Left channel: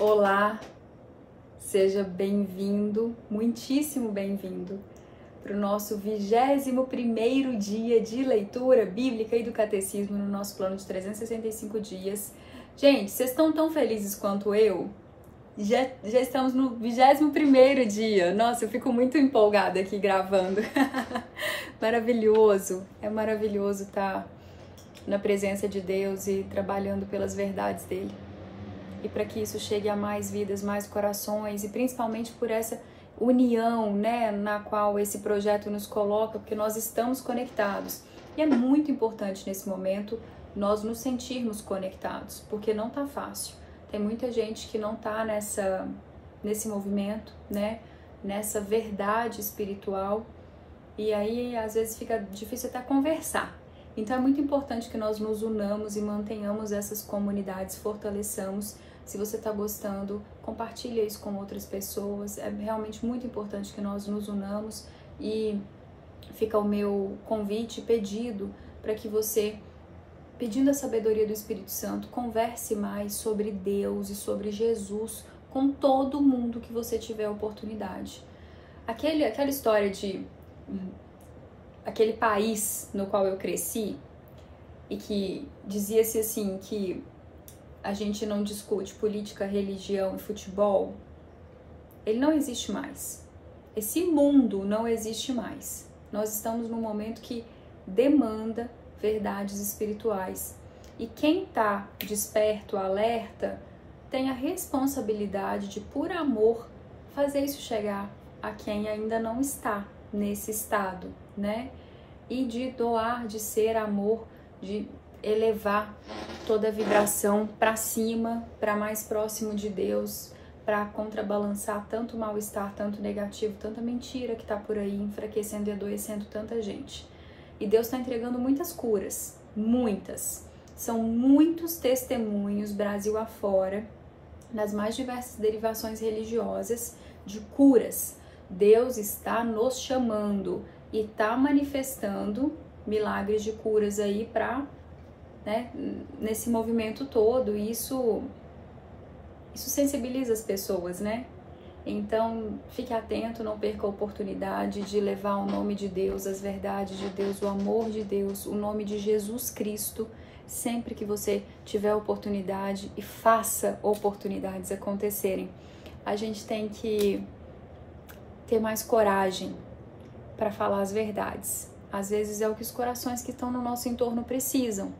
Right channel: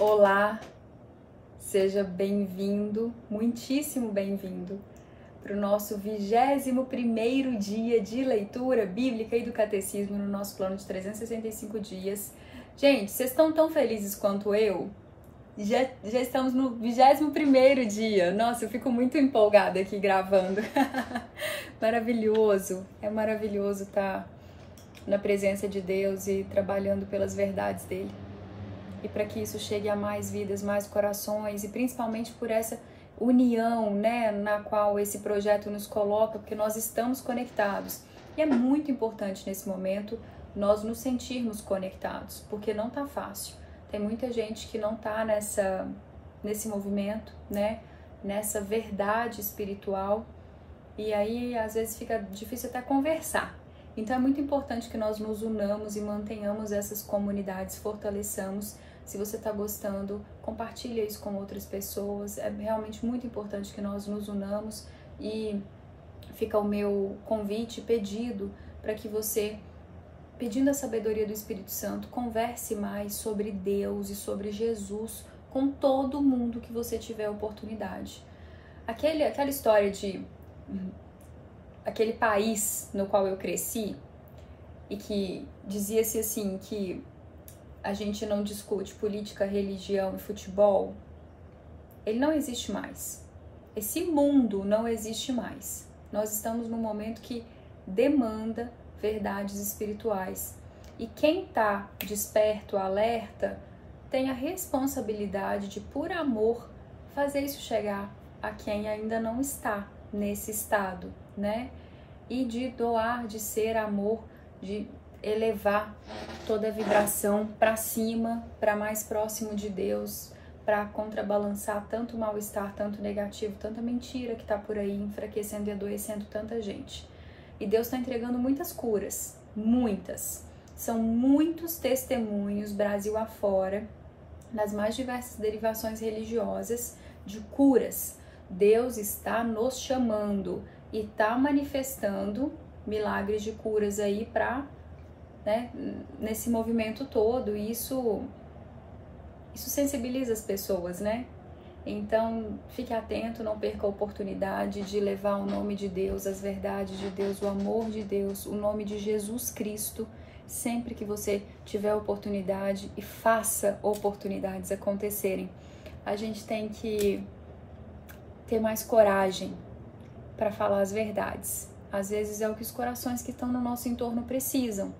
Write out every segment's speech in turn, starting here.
Olá, seja bem-vindo, muitíssimo bem-vindo para o nosso 21º dia de leitura bíblica e do catecismo no nosso plano de 365 dias. Gente, vocês estão tão felizes quanto eu? Já estamos no 21º dia. Nossa, eu fico muito empolgada aqui gravando. Maravilhoso, é maravilhoso estar na presença de Deus e trabalhando pelas verdades dele. E para que isso chegue a mais vidas, mais corações, e principalmente por essa união, né, na qual esse projeto nos coloca, porque nós estamos conectados. E é muito importante nesse momento nós nos sentirmos conectados, porque não tá fácil. Tem muita gente que não tá nesse movimento, né, nessa verdade espiritual, e aí às vezes fica difícil até conversar. Então é muito importante que nós nos unamos e mantenhamos essas comunidades, fortaleçamos. Se você está gostando, compartilha isso com outras pessoas. É realmente muito importante que nós nos unamos, e fica o meu convite, pedido, para que você, pedindo a sabedoria do Espírito Santo, converse mais sobre Deus e sobre Jesus com todo mundo que você tiver oportunidade. Aquela história de aquele país no qual eu cresci, e que dizia-se assim que a gente não discute política, religião e futebol, ele não existe mais. Esse mundo não existe mais. Nós estamos num momento que demanda verdades espirituais. E quem está desperto, alerta, tem a responsabilidade de, por amor, fazer isso chegar a quem ainda não está nesse estado, né? E de doar, de ser amor, de elevar toda a vibração para cima, para mais próximo de Deus, para contrabalançar tanto mal-estar, tanto negativo, tanta mentira que está por aí, enfraquecendo e adoecendo tanta gente. E Deus está entregando muitas curas, muitas. São muitos testemunhos, Brasil afora, nas mais diversas derivações religiosas, de curas. Deus está nos chamando e está manifestando milagres de curas aí para, né, nesse movimento todo. E isso sensibiliza as pessoas, né? Então, fique atento, não perca a oportunidade de levar o nome de Deus, as verdades de Deus, o amor de Deus, o nome de Jesus Cristo, sempre que você tiver oportunidade, e faça oportunidades acontecerem. A gente tem que ter mais coragem para falar as verdades. Às vezes é o que os corações que estão no nosso entorno precisam.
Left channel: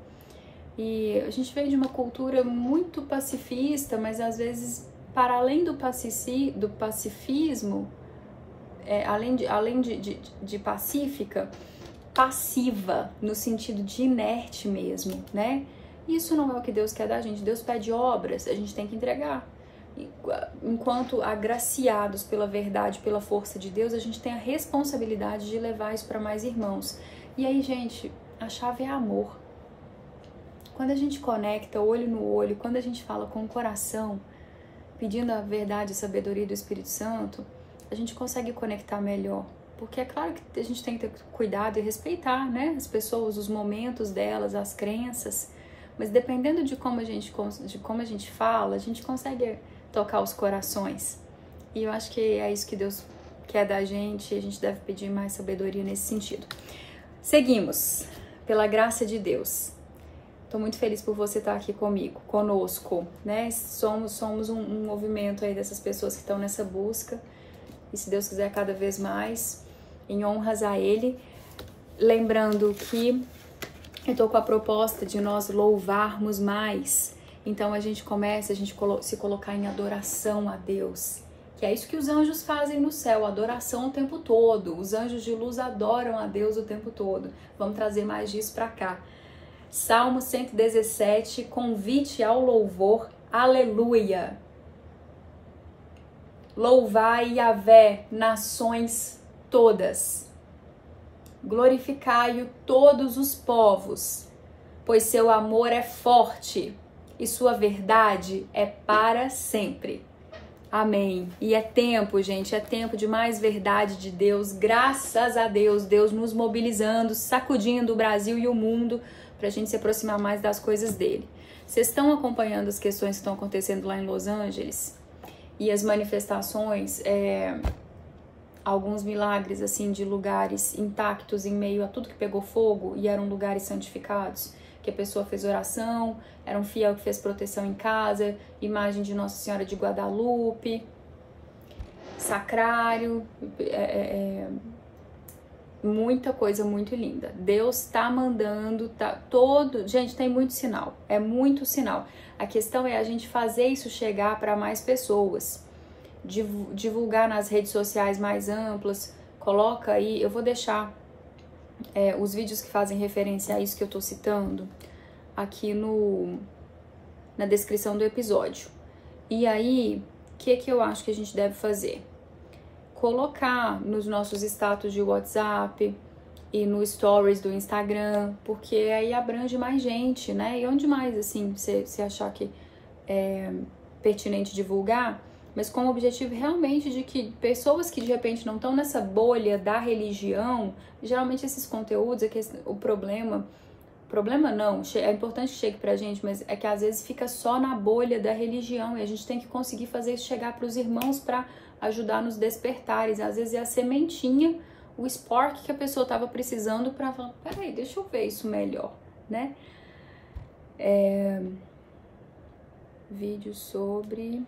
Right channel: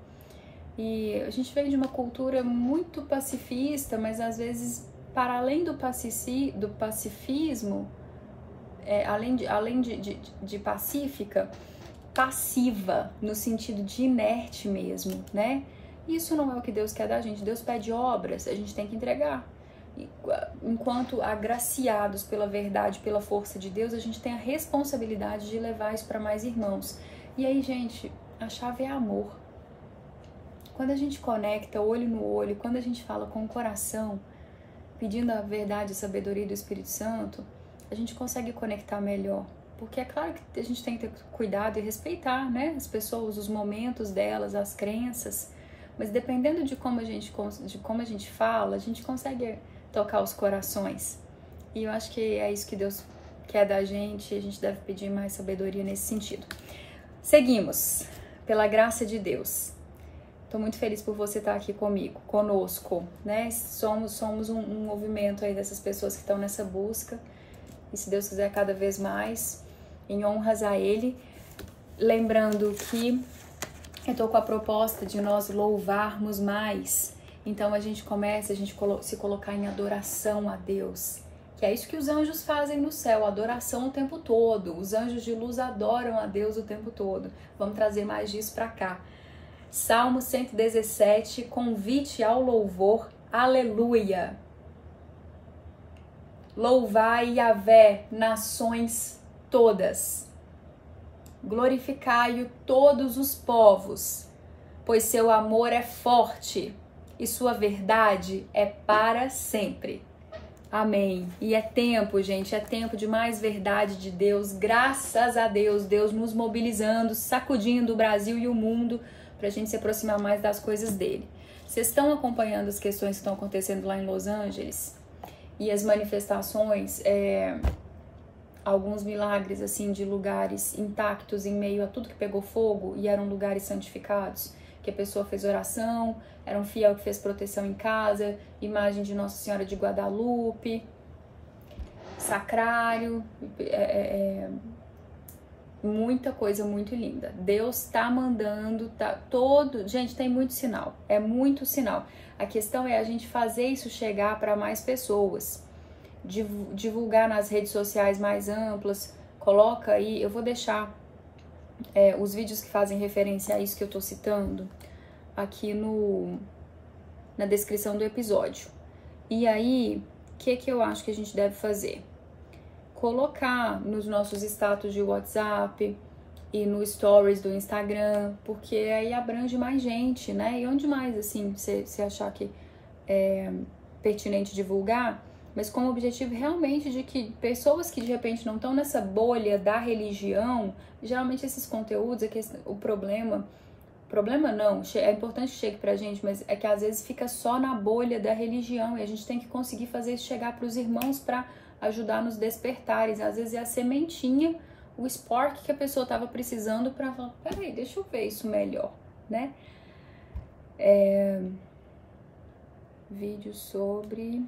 E a gente veio de uma cultura muito pacifista, mas às vezes, para além do pacifismo, além de pacífica, passiva, no sentido de inerte mesmo, né? Isso não é o que Deus quer da gente. Deus pede obras, a gente tem que entregar. Enquanto agraciados pela verdade, pela força de Deus, a gente tem a responsabilidade de levar isso para mais irmãos. E aí, gente, a chave é amor. Quando a gente conecta olho no olho, quando a gente fala com o coração, pedindo a verdade e a sabedoria do Espírito Santo, a gente consegue conectar melhor. Porque é claro que a gente tem que ter cuidado e respeitar, né, as pessoas, os momentos delas, as crenças, mas dependendo de como a gente fala, a gente consegue tocar os corações. E eu acho que é isso que Deus quer da gente, e a gente deve pedir mais sabedoria nesse sentido. Seguimos, pela graça de Deus. Estou muito feliz por você estar aqui comigo, conosco, né? Somos um movimento aí dessas pessoas que estão nessa busca, e se Deus quiser cada vez mais, em honras a Ele. Lembrando que eu estou com a proposta de nós louvarmos mais. Então a gente começa se colocar em adoração a Deus, que é isso que os anjos fazem no céu, adoração o tempo todo. Os anjos de luz adoram a Deus o tempo todo. Vamos trazer mais disso para cá. Salmo 117, convite ao louvor, aleluia. Louvai Yahvé, nações todas. Glorificai-o todos os povos, pois seu amor é forte e sua verdade é para sempre. Amém. E é tempo, gente, é tempo de mais verdade de Deus. Graças a Deus, Deus nos mobilizando, sacudindo o Brasil e o mundo para a gente se aproximar mais das coisas dele. Vocês estão acompanhando as questões que estão acontecendo lá em Los Angeles? E as manifestações, alguns milagres, assim, de lugares intactos em meio a tudo que pegou fogo e eram lugares santificados, que a pessoa fez oração, era um fiel que fez proteção em casa, imagem de Nossa Senhora de Guadalupe, sacrário, muita coisa muito linda. Deus tá mandando, gente, tem muito sinal, é muito sinal. A questão é a gente fazer isso chegar para mais pessoas, divulgar nas redes sociais mais amplas. Coloca aí, eu vou deixar os vídeos que fazem referência a isso que eu tô citando aqui na descrição do episódio. E aí, o que eu acho que a gente deve fazer? Colocar nos nossos status de WhatsApp e no stories do Instagram, porque aí abrange mais gente, né? E onde mais, assim, você achar que é pertinente divulgar, mas com o objetivo realmente de que pessoas que de repente não estão nessa bolha da religião, geralmente esses conteúdos, o problema não, é importante que chegue pra gente, mas é que às vezes fica só na bolha da religião e a gente tem que conseguir fazer isso chegar pros irmãos pra ajudar nos despertares. Às vezes é a sementinha, o spark que a pessoa estava precisando para falar, peraí, deixa eu ver isso melhor, né? Vídeo sobre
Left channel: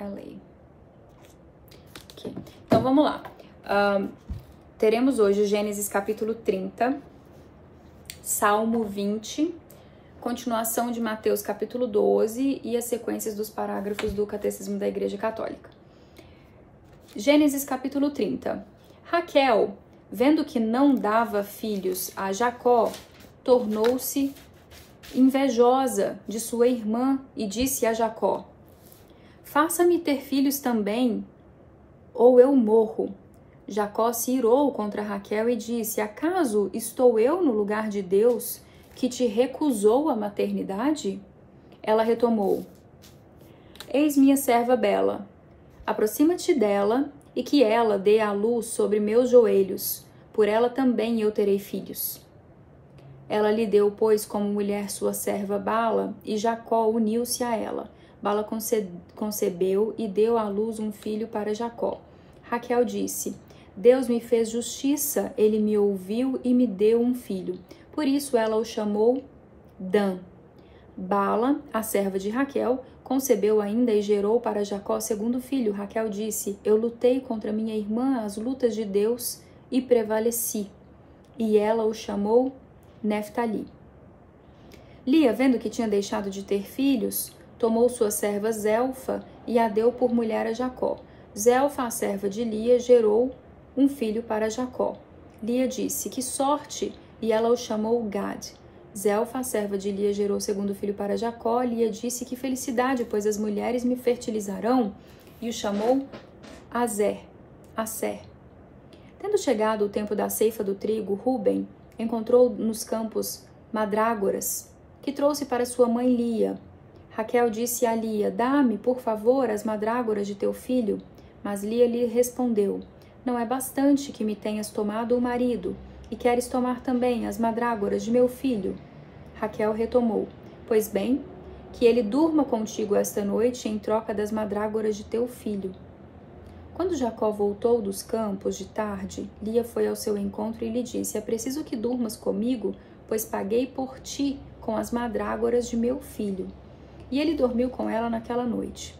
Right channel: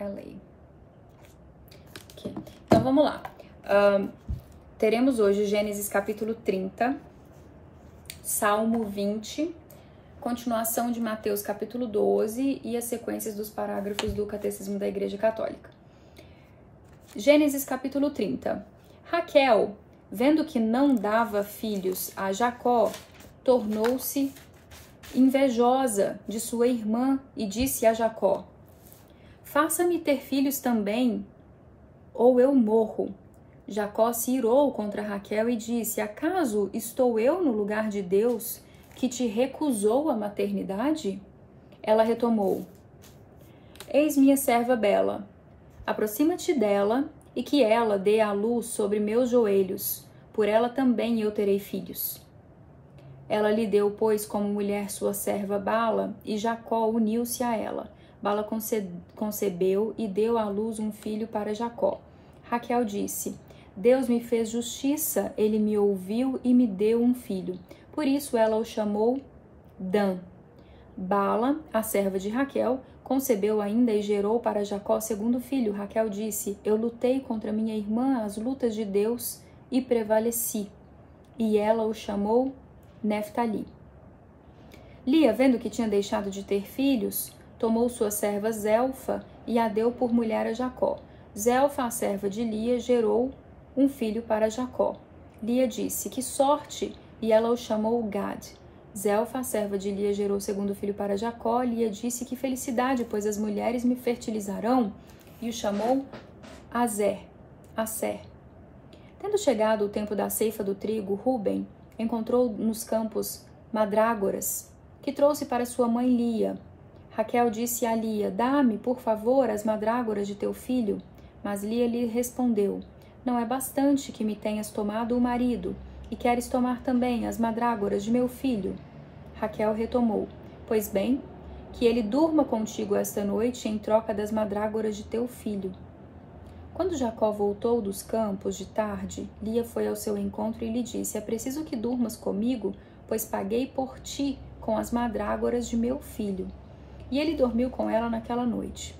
LA. Okay. Então vamos lá. Teremos hoje Gênesis capítulo 30, Salmo 20, continuação de Mateus capítulo 12 e as sequências dos parágrafos do Catecismo da Igreja Católica. Gênesis capítulo 30. Raquel, vendo que não dava filhos a Jacó, tornou-se invejosa de sua irmã e disse a Jacó: faça-me ter filhos também, ou eu morro. Jacó se irou contra Raquel e disse: acaso estou eu no lugar de Deus, que te recusou a maternidade? Ela retomou: eis minha serva bela, aproxima-te dela e que ela dê à luz sobre meus joelhos, por ela também eu terei filhos. Ela lhe deu, pois, como mulher sua serva Bala, e Jacó uniu-se a ela. Bala concebeu e deu à luz um filho para Jacó. Raquel disse: Deus me fez justiça, ele me ouviu e me deu um filho. Por isso ela o chamou Dan. Bala, a serva de Raquel, concebeu ainda e gerou para Jacó segundo filho. Raquel disse: eu lutei contra minha irmã as lutas de Deus e prevaleci. E ela o chamou Neftali. Lia, vendo que tinha deixado de ter filhos, tomou sua serva Zelfa e a deu por mulher a Jacó. Zelfa, a serva de Lia, gerou um filho para Jacó. Lia disse: que sorte! E ela o chamou Gad. Zelfa, a serva de Lia, gerou segundo filho para Jacó. Lia disse: que felicidade, pois as mulheres me fertilizarão. E o chamou Aser. Tendo chegado o tempo da ceifa do trigo, Ruben encontrou nos campos mandrágoras, que trouxe para sua mãe Lia. Raquel disse a Lia: dá-me, por favor, as mandrágoras de teu filho. Mas Lia lhe respondeu: não é bastante que me tenhas tomado o marido, e queres tomar também as mandrágoras de meu filho? Raquel retomou: pois bem, que ele durma contigo esta noite em troca das mandrágoras de teu filho. Quando Jacó voltou dos campos de tarde, Lia foi ao seu encontro e lhe disse: é preciso que durmas comigo, pois paguei por ti com as mandrágoras de meu filho. E ele dormiu com ela naquela noite.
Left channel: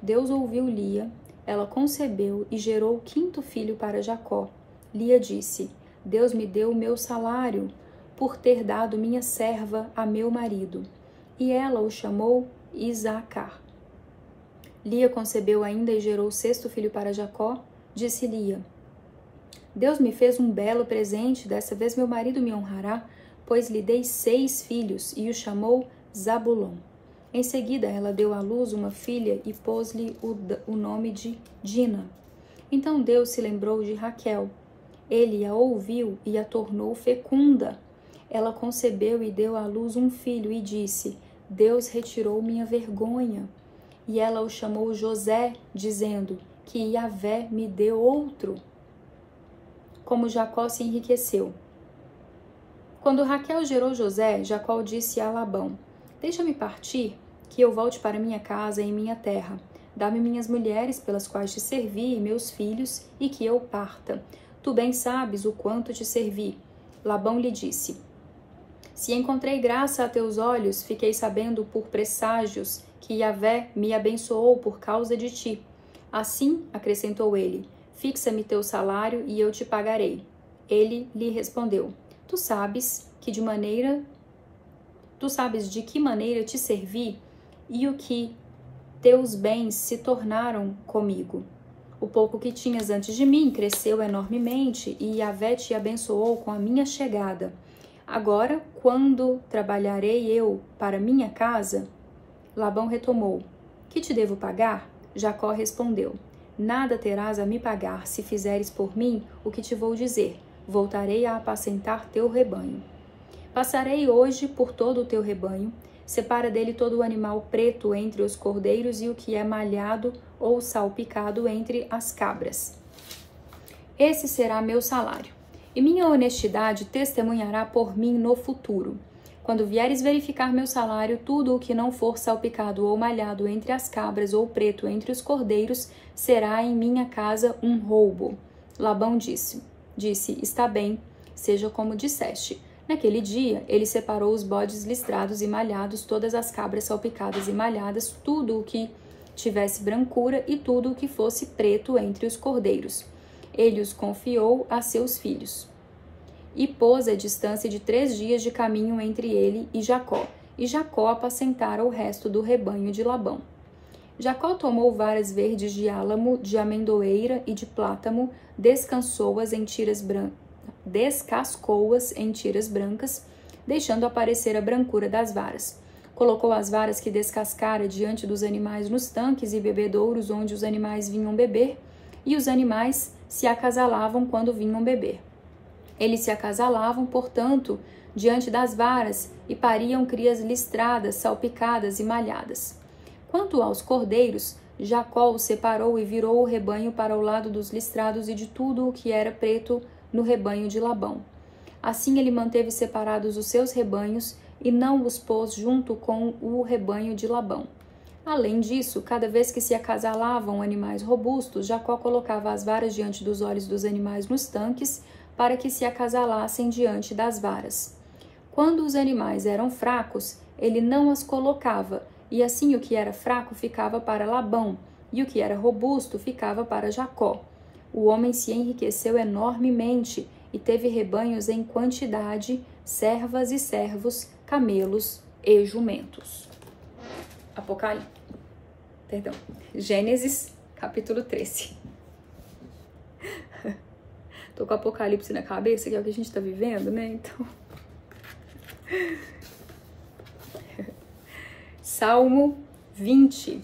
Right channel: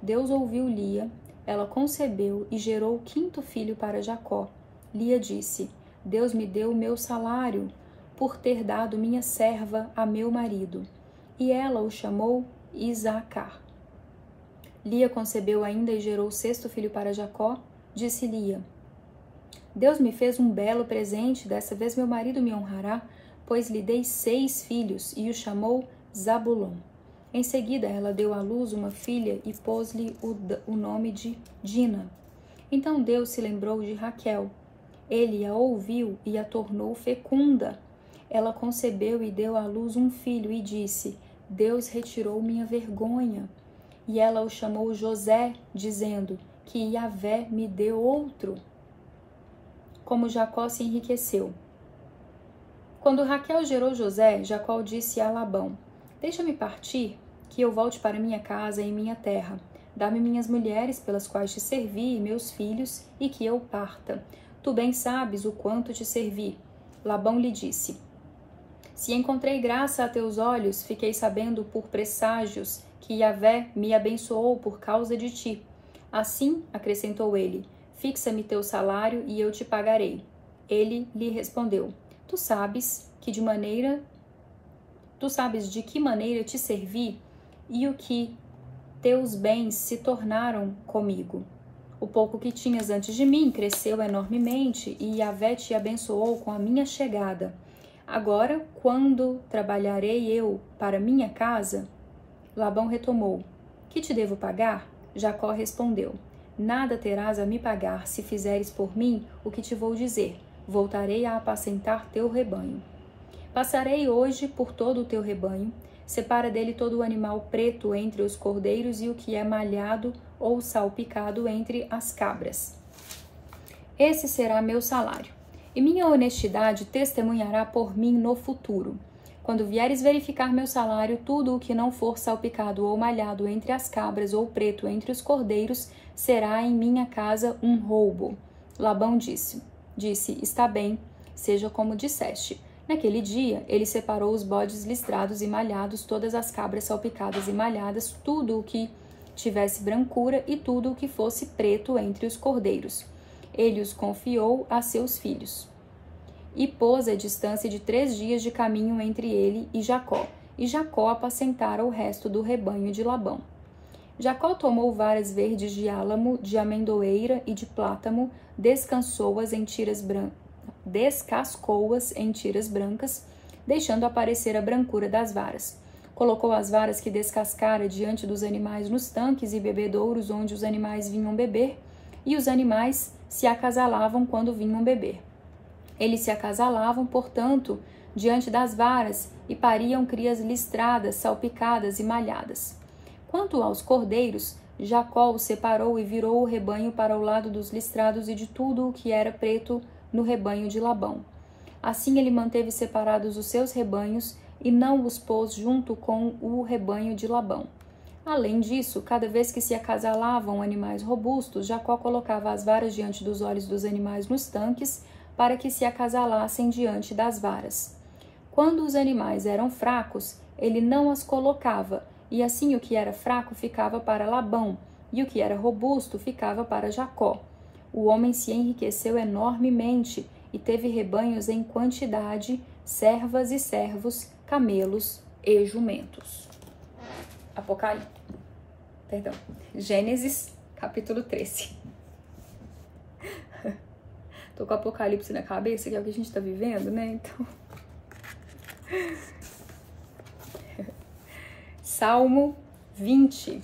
Deus ouviu Lia, ela concebeu e gerou o quinto filho para Jacó. Lia disse: Deus me deu o meu salário por ter dado minha serva a meu marido. E ela o chamou Isacar. Lia concebeu ainda e gerou o sexto filho para Jacó. Disse Lia: Deus me fez um belo presente, dessa vez meu marido me honrará, pois lhe dei 6 filhos, e o chamou Zabulon. Em seguida ela deu à luz uma filha e pôs-lhe o nome de Dina. Então Deus se lembrou de Raquel. Ele a ouviu e a tornou fecunda. Ela concebeu e deu à luz um filho e disse: Deus retirou minha vergonha. E ela o chamou José, dizendo: que Yahvé me deu outro. Como Jacó se enriqueceu. Quando Raquel gerou José, Jacó disse a Labão: deixa-me partir, que eu volte para minha casa e minha terra. Dá-me minhas mulheres pelas quais te servi e meus filhos, e que eu parta. Tu bem sabes o quanto te servi. Labão lhe disse: se encontrei graça a teus olhos, fiquei sabendo por presságios que Yahvé me abençoou por causa de ti. Assim, acrescentou ele, fixa-me teu salário e eu te pagarei. Ele lhe respondeu: tu sabes de que maneira te servi e o que teus bens se tornaram comigo. O pouco que tinhas antes de mim cresceu enormemente e Yahvé te abençoou com a minha chegada. Agora, quando trabalharei eu para minha casa? Labão retomou: que te devo pagar? Jacó respondeu: nada terás a me pagar se fizeres por mim o que te vou dizer. Voltarei a apacentar teu rebanho. Passarei hoje por todo o teu rebanho. Separa dele todo o animal preto entre os cordeiros e o que é malhado ou salpicado entre as cabras. Esse será meu salário, e minha honestidade testemunhará por mim no futuro. Quando vieres verificar meu salário, tudo o que não for salpicado ou malhado entre as cabras ou preto entre os cordeiros será em minha casa um roubo. Labão disse, está bem, seja como disseste. Naquele dia, ele separou os bodes listrados e malhados, todas as cabras salpicadas e malhadas, tudo o que tivesse brancura e tudo o que fosse preto entre os cordeiros. Ele os confiou a seus filhos. E pôs a distância de 3 dias de caminho entre ele e Jacó apacentara o resto do rebanho de Labão. Jacó tomou varas verdes de álamo, de amendoeira e de plátano, descascou-as em tiras brancas, deixando aparecer a brancura das varas. Colocou as varas que descascara diante dos animais nos tanques e bebedouros onde os animais vinham beber, e os animais se acasalavam quando vinham beber. Eles se acasalavam, portanto, diante das varas e pariam crias listradas, salpicadas e malhadas. Quanto aos cordeiros, Jacó os separou e virou o rebanho para o lado dos listrados e de tudo o que era preto no rebanho de Labão. Assim ele manteve separados os seus rebanhos e não os pôs junto com o rebanho de Labão. Além disso, cada vez que se acasalavam animais robustos, Jacó colocava as varas diante dos olhos dos animais nos tanques, para que se acasalassem diante das varas. Quando os animais eram fracos, ele não as colocava, e assim o que era fraco ficava para Labão, e o que era robusto ficava para Jacó. O homem se enriqueceu enormemente e teve rebanhos em quantidade, servas e servos, camelos e jumentos. Gênesis, capítulo 13. Tô com Apocalipse na cabeça, que é o que a gente tá vivendo, né? Então... Salmo 20.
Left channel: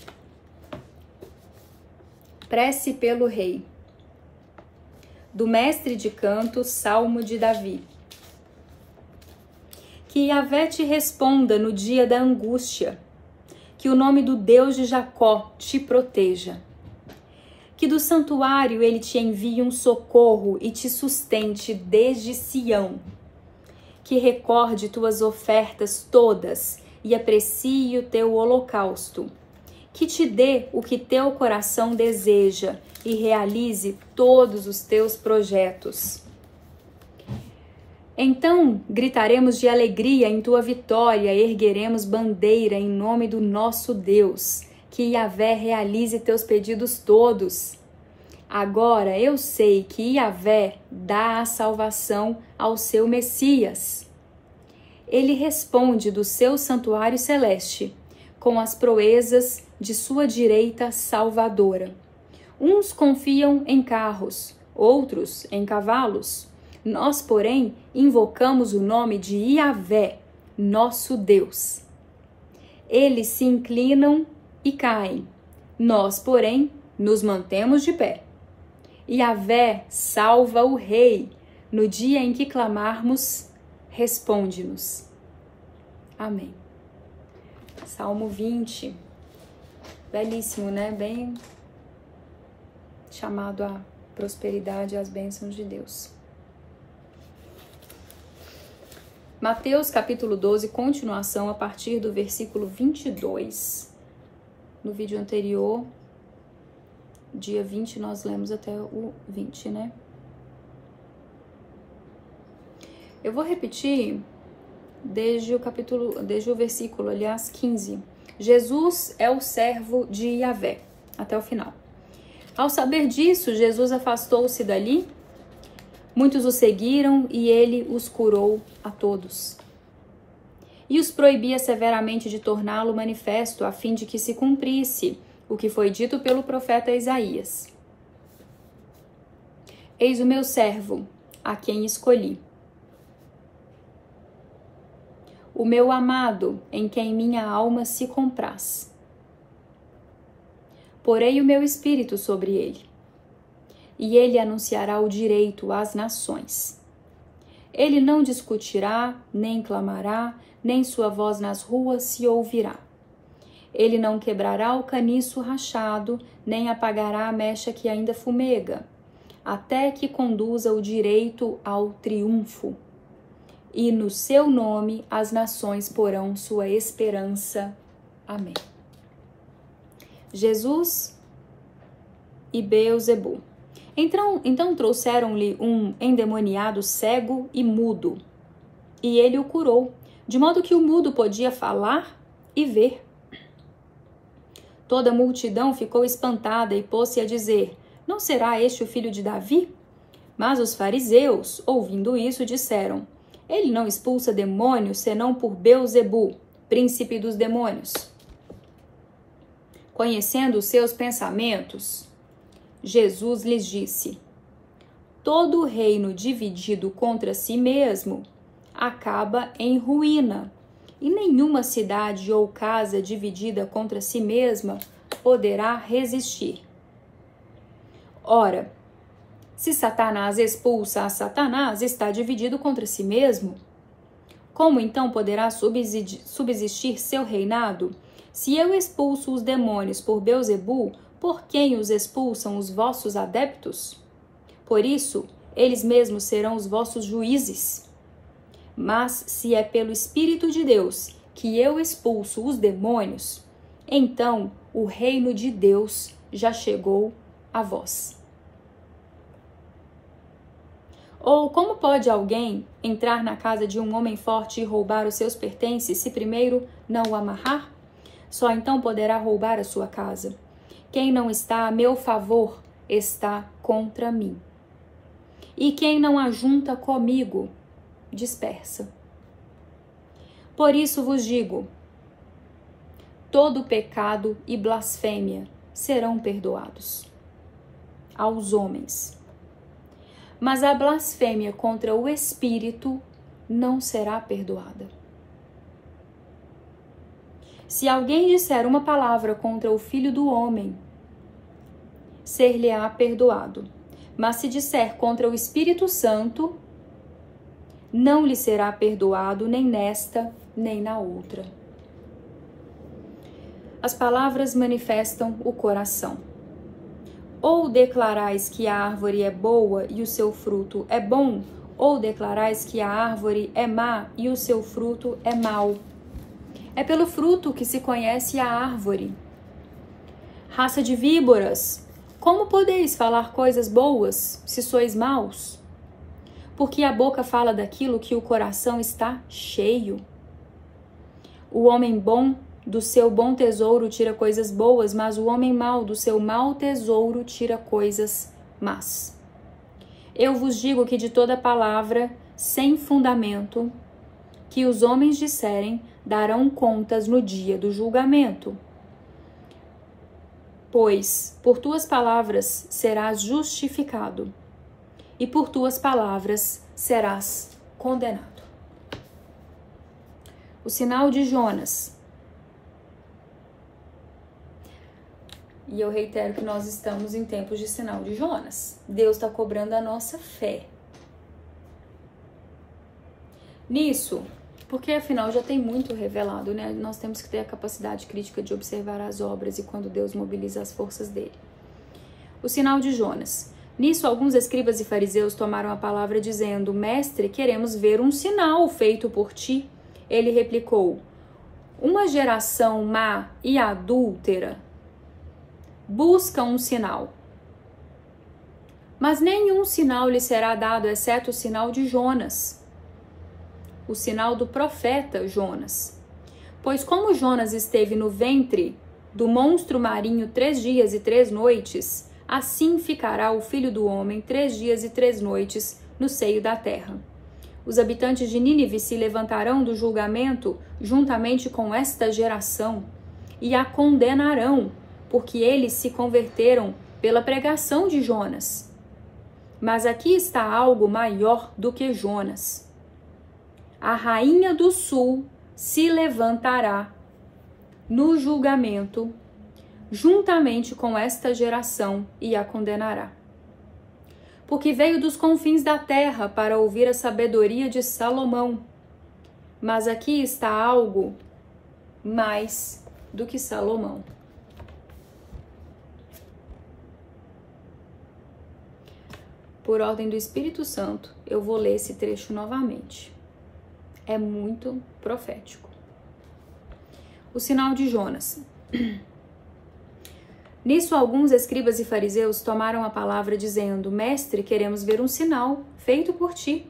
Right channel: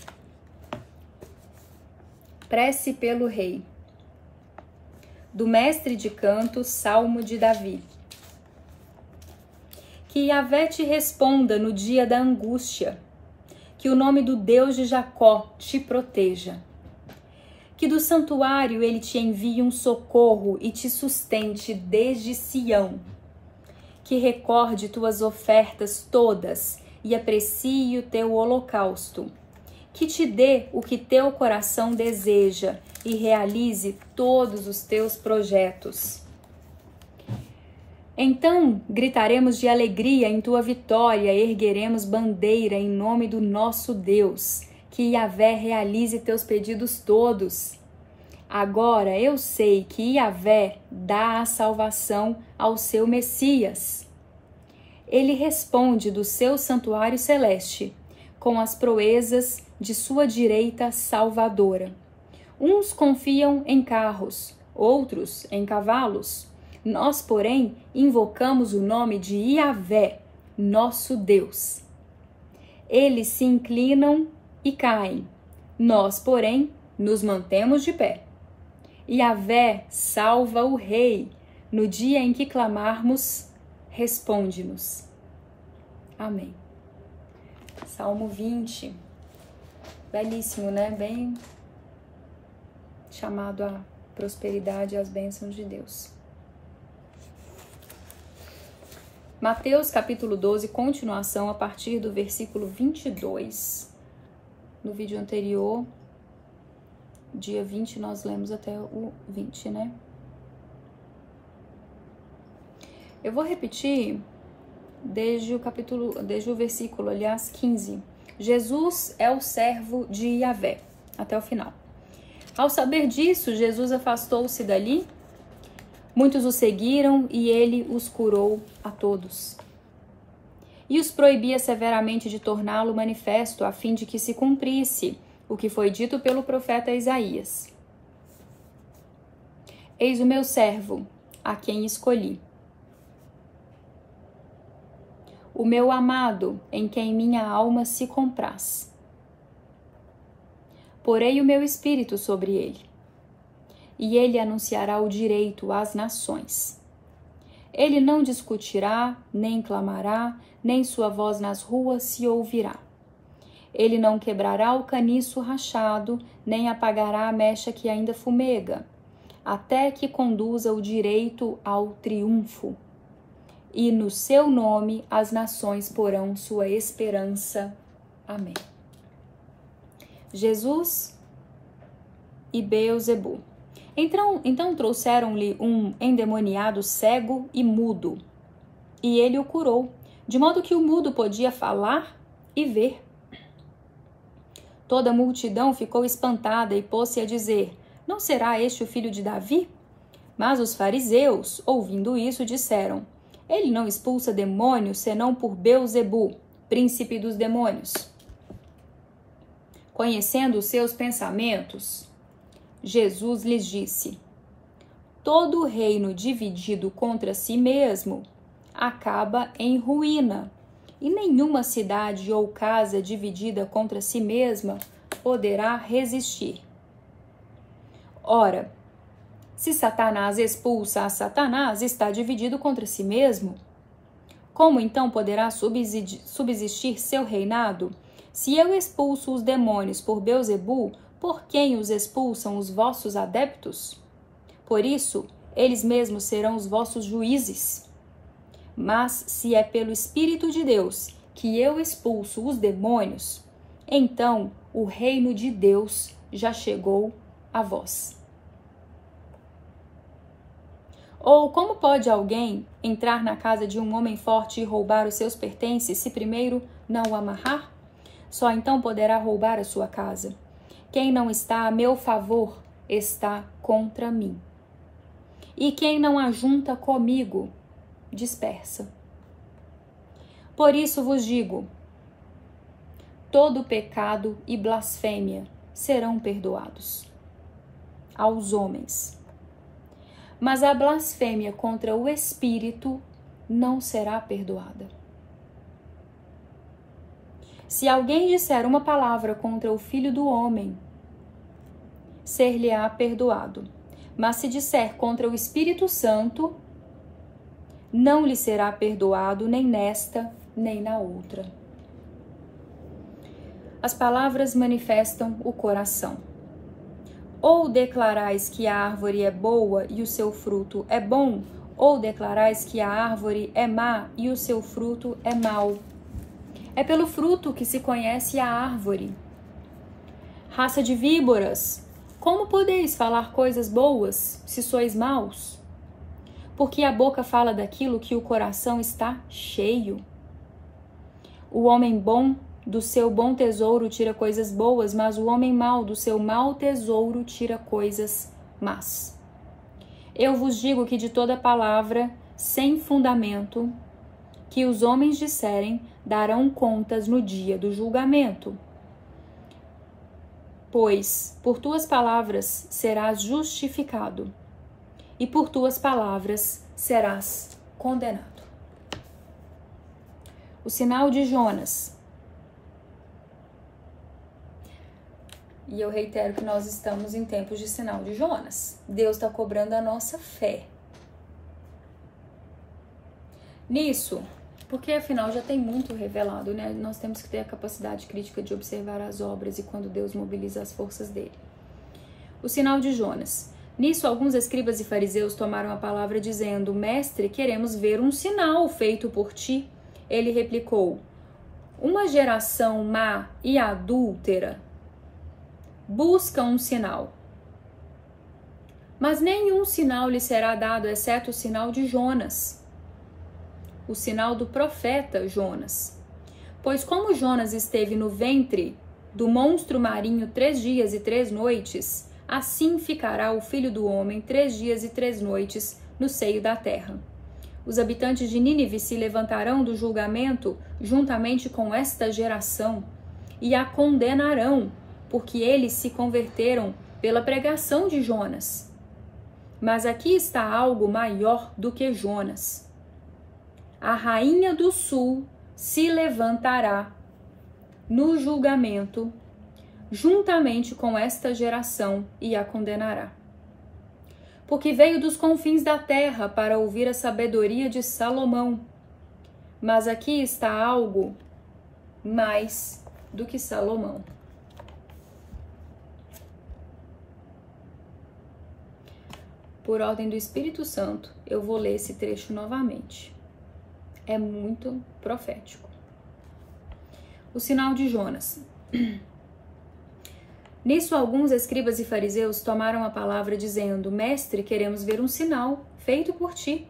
Prece pelo rei. Do mestre de canto, Salmo de Davi. Que Yahvé te responda no dia da angústia, que o nome do Deus de Jacó te proteja. Que do santuário ele te envie um socorro e te sustente desde Sião. Que recorde tuas ofertas todas e aprecie o teu holocausto. Que te dê o que teu coração deseja e realize todos os teus projetos. Então gritaremos de alegria em tua vitória, ergueremos bandeira em nome do nosso Deus. Que Yahvé realize teus pedidos todos. Agora eu sei que Yahvé dá a salvação ao seu Messias. Ele responde do seu santuário celeste, com as proezas de sua direita salvadora. Uns confiam em carros, outros em cavalos. Nós, porém, invocamos o nome de Yahvé, nosso Deus. Eles se inclinam e caem. Nós, porém, nos mantemos de pé. Yahvé salva o rei. No dia em que clamarmos, responde-nos. Amém. Salmo 20. Belíssimo, né? Bem chamado à prosperidade e às bênçãos de Deus. Mateus capítulo 12, continuação a partir do versículo 22. No vídeo anterior, dia 20, nós lemos até o 20, né? Eu vou repetir desde o versículo, aliás, 15. Jesus é o servo de Yahvé, até o final. Ao saber disso, Jesus afastou-se dali, muitos o seguiram e ele os curou a todos. E os proibia severamente de torná-lo manifesto, a fim de que se cumprisse o que foi dito pelo profeta Isaías. Eis o meu servo, a quem escolhi. O meu amado, em quem minha alma se compraz. Porei o meu espírito sobre ele, e ele anunciará o direito às nações. Ele não discutirá, nem clamará, nem sua voz nas ruas se ouvirá. Ele não quebrará o caniço rachado, nem apagará a mecha que ainda fumega, até que conduza o direito ao triunfo. E no seu nome as nações porão sua esperança. Amém. Jesus e Beelzebu. Então trouxeram-lhe um endemoniado cego e mudo, e ele o curou, de modo que o mudo podia falar e ver. Toda a multidão ficou espantada e pôs-se a dizer: não será este o filho de Davi? Mas os fariseus, ouvindo isso, disseram: ele não expulsa demônios, senão por Beelzebu, príncipe dos demônios. Conhecendo os seus pensamentos, Jesus lhes disse: todo reino dividido contra si mesmo acaba em ruína, e nenhuma cidade ou casa dividida contra si mesma poderá resistir. Ora, se Satanás expulsa a Satanás, está dividido contra si mesmo. Como então poderá subsistir seu reinado? Se eu expulso os demônios por Beelzebu, por quem os expulsam os vossos adeptos? Por isso, eles mesmos serão os vossos juízes. Mas se é pelo Espírito de Deus que eu expulso os demônios, então o reino de Deus já chegou a vós. Ou como pode alguém entrar na casa de um homem forte e roubar os seus pertences se primeiro não o amarrar? Só então poderá roubar a sua casa. Quem não está a meu favor está contra mim. E quem não ajunta comigo, dispersa. Por isso vos digo: todo pecado e blasfêmia serão perdoados aos homens, mas a blasfêmia contra o Espírito não será perdoada. Se alguém disser uma palavra contra o Filho do Homem, ser-lhe-á perdoado. Mas se disser contra o Espírito Santo, não lhe será perdoado nem nesta, nem na outra. As palavras manifestam o coração. Ou declarais que a árvore é boa e o seu fruto é bom, ou declarais que a árvore é má e o seu fruto é mau. É pelo fruto que se conhece a árvore. Raça de víboras, como podeis falar coisas boas se sois maus? Porque a boca fala daquilo que o coração está cheio. O homem bom do seu bom tesouro tira coisas boas, mas o homem mau do seu mau tesouro tira coisas más. Eu vos digo que de toda palavra sem fundamento que os homens disserem, darão contas no dia do julgamento. Pois por tuas palavras serás justificado, e por tuas palavras serás condenado. O sinal de Jonas. E eu reitero que nós estamos em tempos de sinal de Jonas. Deus está cobrando a nossa fé nisso, porque afinal já tem muito revelado, né? Nós temos que ter a capacidade crítica de observar as obras e quando Deus mobiliza as forças dele. O sinal de Jonas. Nisso, alguns escribas e fariseus tomaram a palavra dizendo: Mestre, queremos ver um sinal feito por ti. Ele replicou: uma geração má e adúltera busca um sinal, mas nenhum sinal lhe será dado, exceto o sinal de Jonas, o sinal do profeta Jonas. Pois como Jonas esteve no ventre do monstro marinho 3 dias e 3 noites, assim ficará o Filho do Homem 3 dias e 3 noites no seio da terra. Os habitantes de Nínive se levantarão do julgamento juntamente com esta geração e a condenarão, porque eles se converteram pela pregação de Jonas. Mas aqui está algo maior do que Jonas. A rainha do sul se levantará no julgamento juntamente com esta geração e a condenará. Porque veio dos confins da terra para ouvir a sabedoria de Salomão. Mas aqui está algo mais do que Salomão. Por ordem do Espírito Santo, eu vou ler esse trecho novamente. É muito profético. O sinal de Jonas. Nisso, alguns escribas e fariseus tomaram a palavra dizendo: Mestre, queremos ver um sinal feito por ti.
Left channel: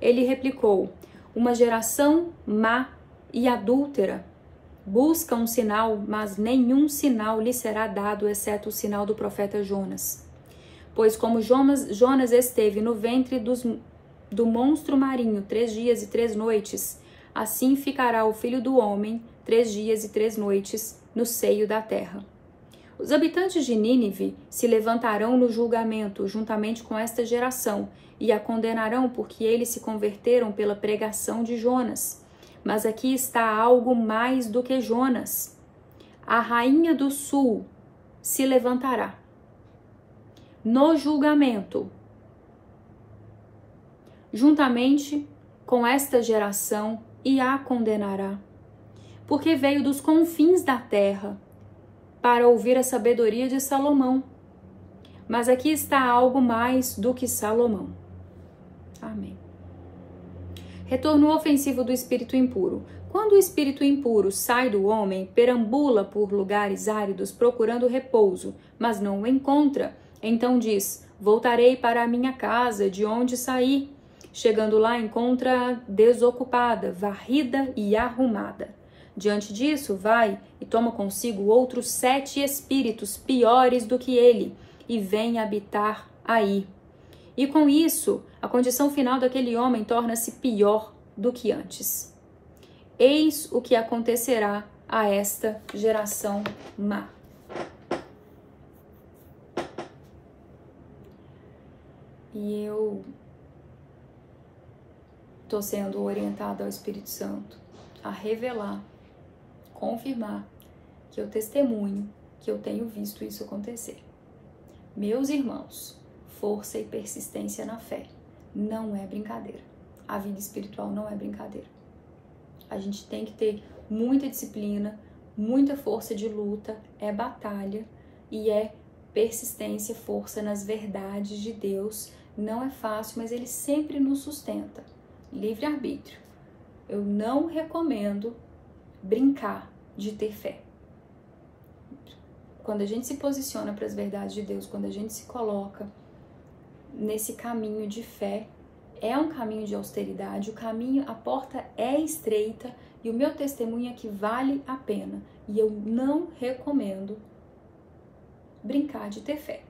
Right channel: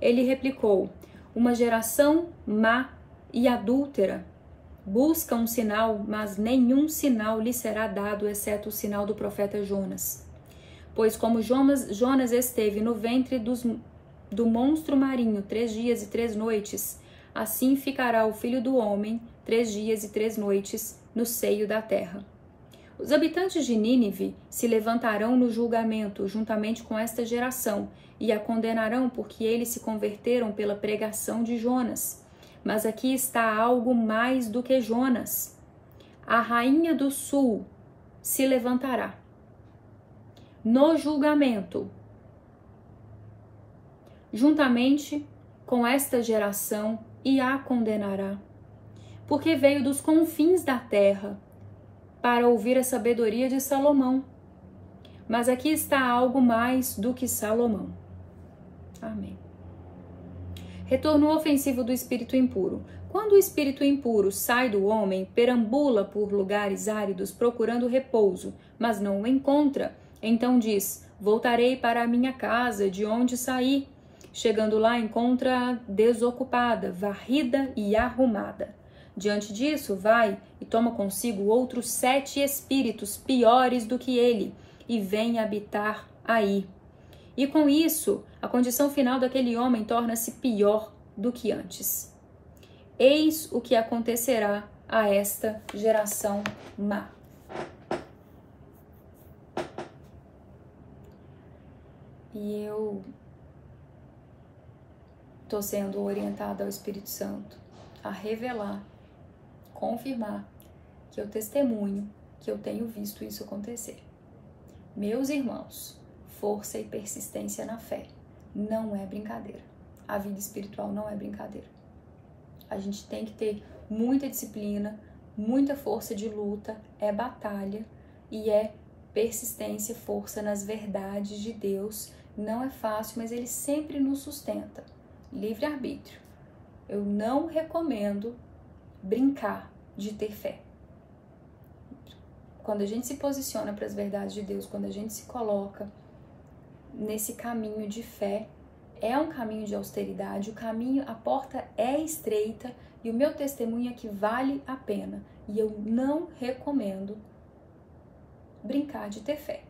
Ele replicou: uma geração má e adúltera busca um sinal, mas nenhum sinal lhe será dado, exceto o sinal do profeta Jonas. Pois como Jonas esteve no ventre do monstro marinho 3 dias e 3 noites, assim ficará o Filho do Homem 3 dias e 3 noites no seio da terra. Os habitantes de Nínive se levantarão no julgamento juntamente com esta geração e a condenarão, porque eles se converteram pela pregação de Jonas. Mas aqui está algo mais do que Jonas. A rainha do sul se levantará no julgamento juntamente com esta geração e a condenará, porque veio dos confins da terra para ouvir a sabedoria de Salomão. Mas aqui está algo mais do que Salomão. Amém. Retorno ofensivo do espírito impuro. Quando o espírito impuro sai do homem, perambula por lugares áridos procurando repouso, mas não o encontra. Então diz: voltarei para a minha casa, de onde saí. Chegando lá, encontra desocupada, varrida e arrumada. Diante disso, vai e toma consigo outros 7 espíritos piores do que ele, e vem habitar aí. E com isso, a condição final daquele homem torna-se pior do que antes. Eis o que acontecerá a esta geração má. E eu estou sendo orientada ao Espírito Santo a revelar, confirmar que eu testemunho que eu tenho visto isso acontecer. Meus irmãos, força e persistência na fé não é brincadeira. A vida espiritual não é brincadeira. A gente tem que ter muita disciplina, muita força de luta, é batalha e é persistência, força nas verdades de Deus. Não é fácil, mas ele sempre nos sustenta. Livre-arbítrio. Eu não recomendo brincar de ter fé. Quando a gente se posiciona para as verdades de Deus, quando a gente se coloca nesse caminho de fé, é um caminho de austeridade, o caminho, a porta é estreita e o meu testemunho é que vale a pena. E eu não recomendo brincar de ter fé,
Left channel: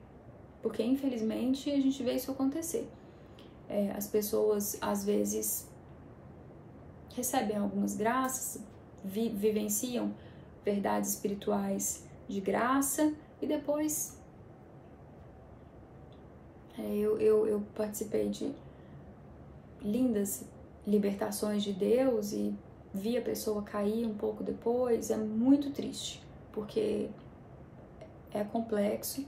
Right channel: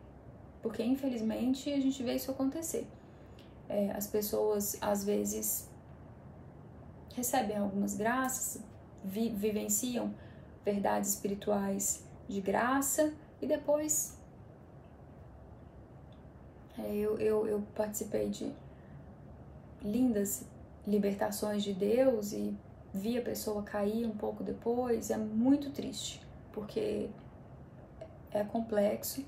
porque infelizmente a gente vê isso acontecer. As pessoas às vezes recebem algumas graças, vivenciam verdades espirituais de graça e depois eu participei de lindas libertações de Deus e vi a pessoa cair um pouco depois. É muito triste, porque é complexo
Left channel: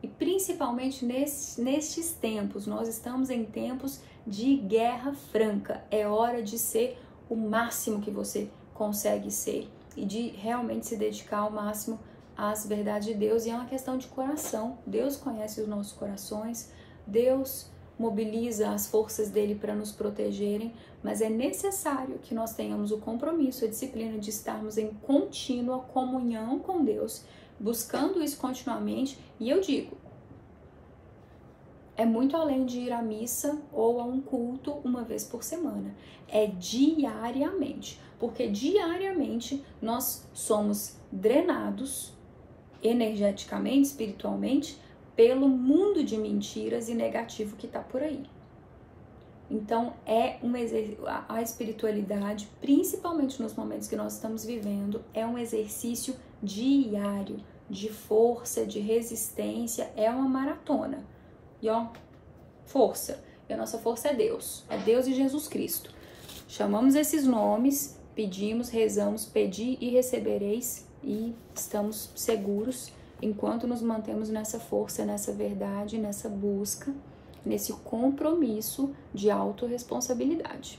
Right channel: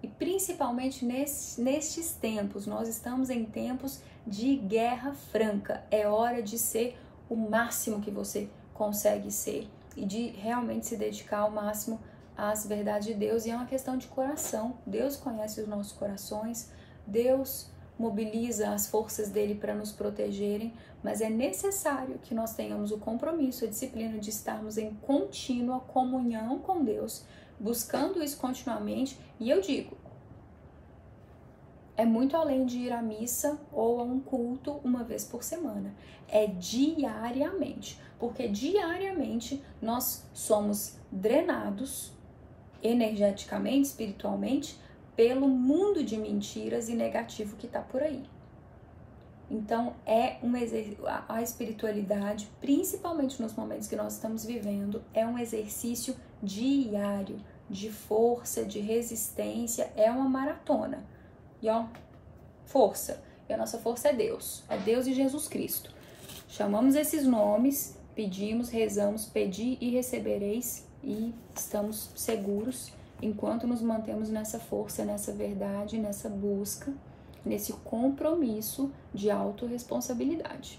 e principalmente nestes tempos, nós estamos em tempos de guerra franca. É hora de ser o máximo que você consegue ser e de realmente se dedicar ao máximo às verdades de Deus. E é uma questão de coração. Deus conhece os nossos corações, Deus mobiliza as forças dele para nos protegerem, mas é necessário que nós tenhamos o compromisso, a disciplina de estarmos em contínua comunhão com Deus, buscando isso continuamente. E eu digo, é muito além de ir à missa ou a um culto uma vez por semana. É diariamente, porque diariamente nós somos drenados energeticamente, espiritualmente, pelo mundo de mentiras e negativo que está por aí. Então, a espiritualidade, principalmente nos momentos que nós estamos vivendo, é um exercício diário de força, de resistência, é uma maratona. E ó, força. E a nossa força é Deus e Jesus Cristo. Chamamos esses nomes, pedimos, rezamos, pedi e recebereis, e estamos seguros enquanto nos mantemos nessa força, nessa verdade, nessa busca, nesse compromisso de autorresponsabilidade.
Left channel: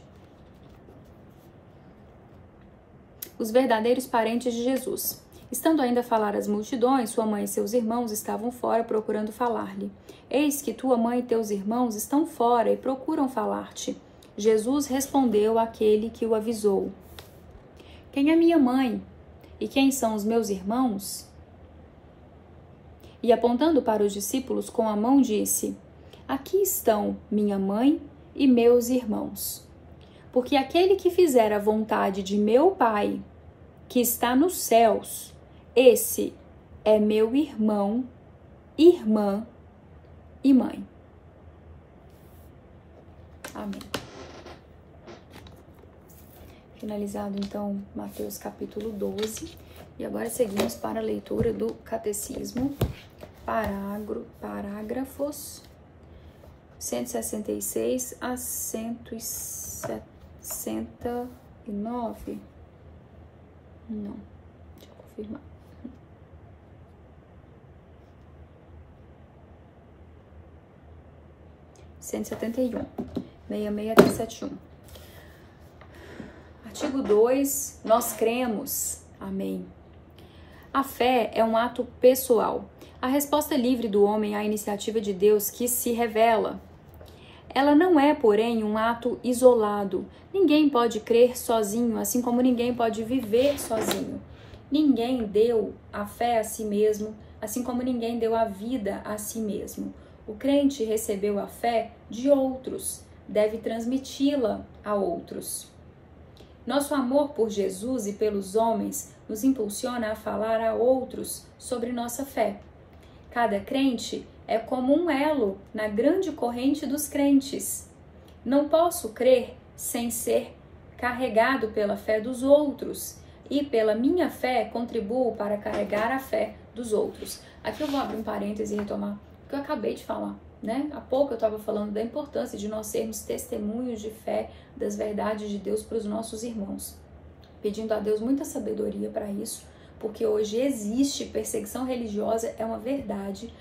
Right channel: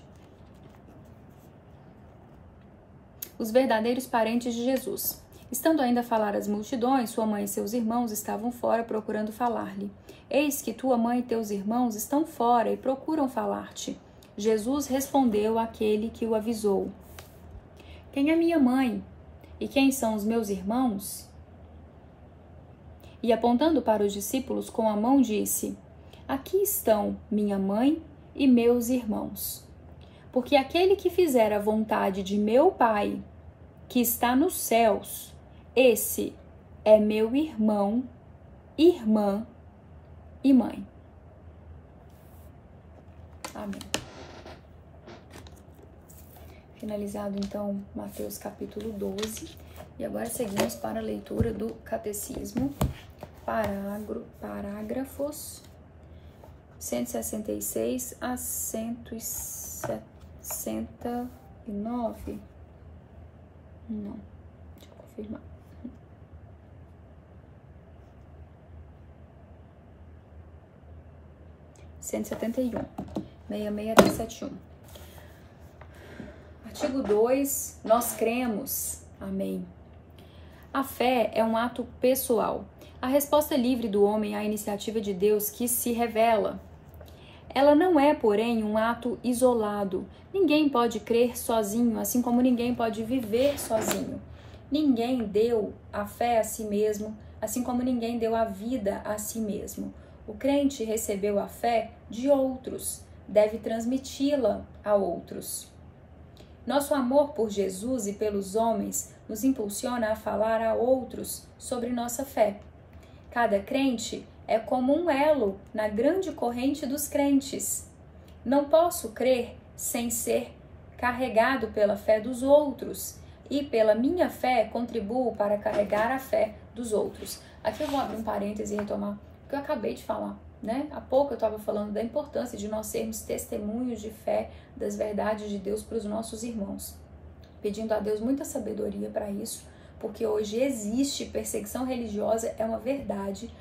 Os verdadeiros parentes de Jesus. Estando ainda a falar às multidões, sua mãe e seus irmãos estavam fora procurando falar-lhe. Eis que tua mãe e teus irmãos estão fora e procuram falar-te. Jesus respondeu àquele que o avisou. Quem é minha mãe? E quem são os meus irmãos? E apontando para os discípulos com a mão disse, aqui estão minha mãe e meus irmãos. Porque aquele que fizer a vontade de meu Pai, que está nos céus, esse é meu irmão, irmã e mãe. Amém. Finalizado, então, Mateus capítulo 12. E agora seguimos para a leitura do Catecismo, parágrafos 166 a 169. Não, deixa eu confirmar. 171, 66 até 71. Artigo 2, nós cremos. Amém. A fé é um ato pessoal. A resposta livre do homem à iniciativa de Deus que se revela. Ela não é, porém, um ato isolado. Ninguém pode crer sozinho, assim como ninguém pode viver sozinho. Ninguém deu a fé a si mesmo, assim como ninguém deu a vida a si mesmo. O crente recebeu a fé de outros, deve transmiti-la a outros. Nosso amor por Jesus e pelos homens nos impulsiona a falar a outros sobre nossa fé. Cada crente é como um elo na grande corrente dos crentes. Não posso crer sem ser carregado pela fé dos outros, e pela minha fé contribuo para carregar a fé dos outros. Aqui eu vou abrir um parêntese e retomar o que eu acabei de falar, né? Há pouco eu estava falando da importância de nós sermos testemunhos de fé das verdades de Deus para os nossos irmãos, pedindo a Deus muita sabedoria para isso, porque hoje existe perseguição religiosa, é uma verdade.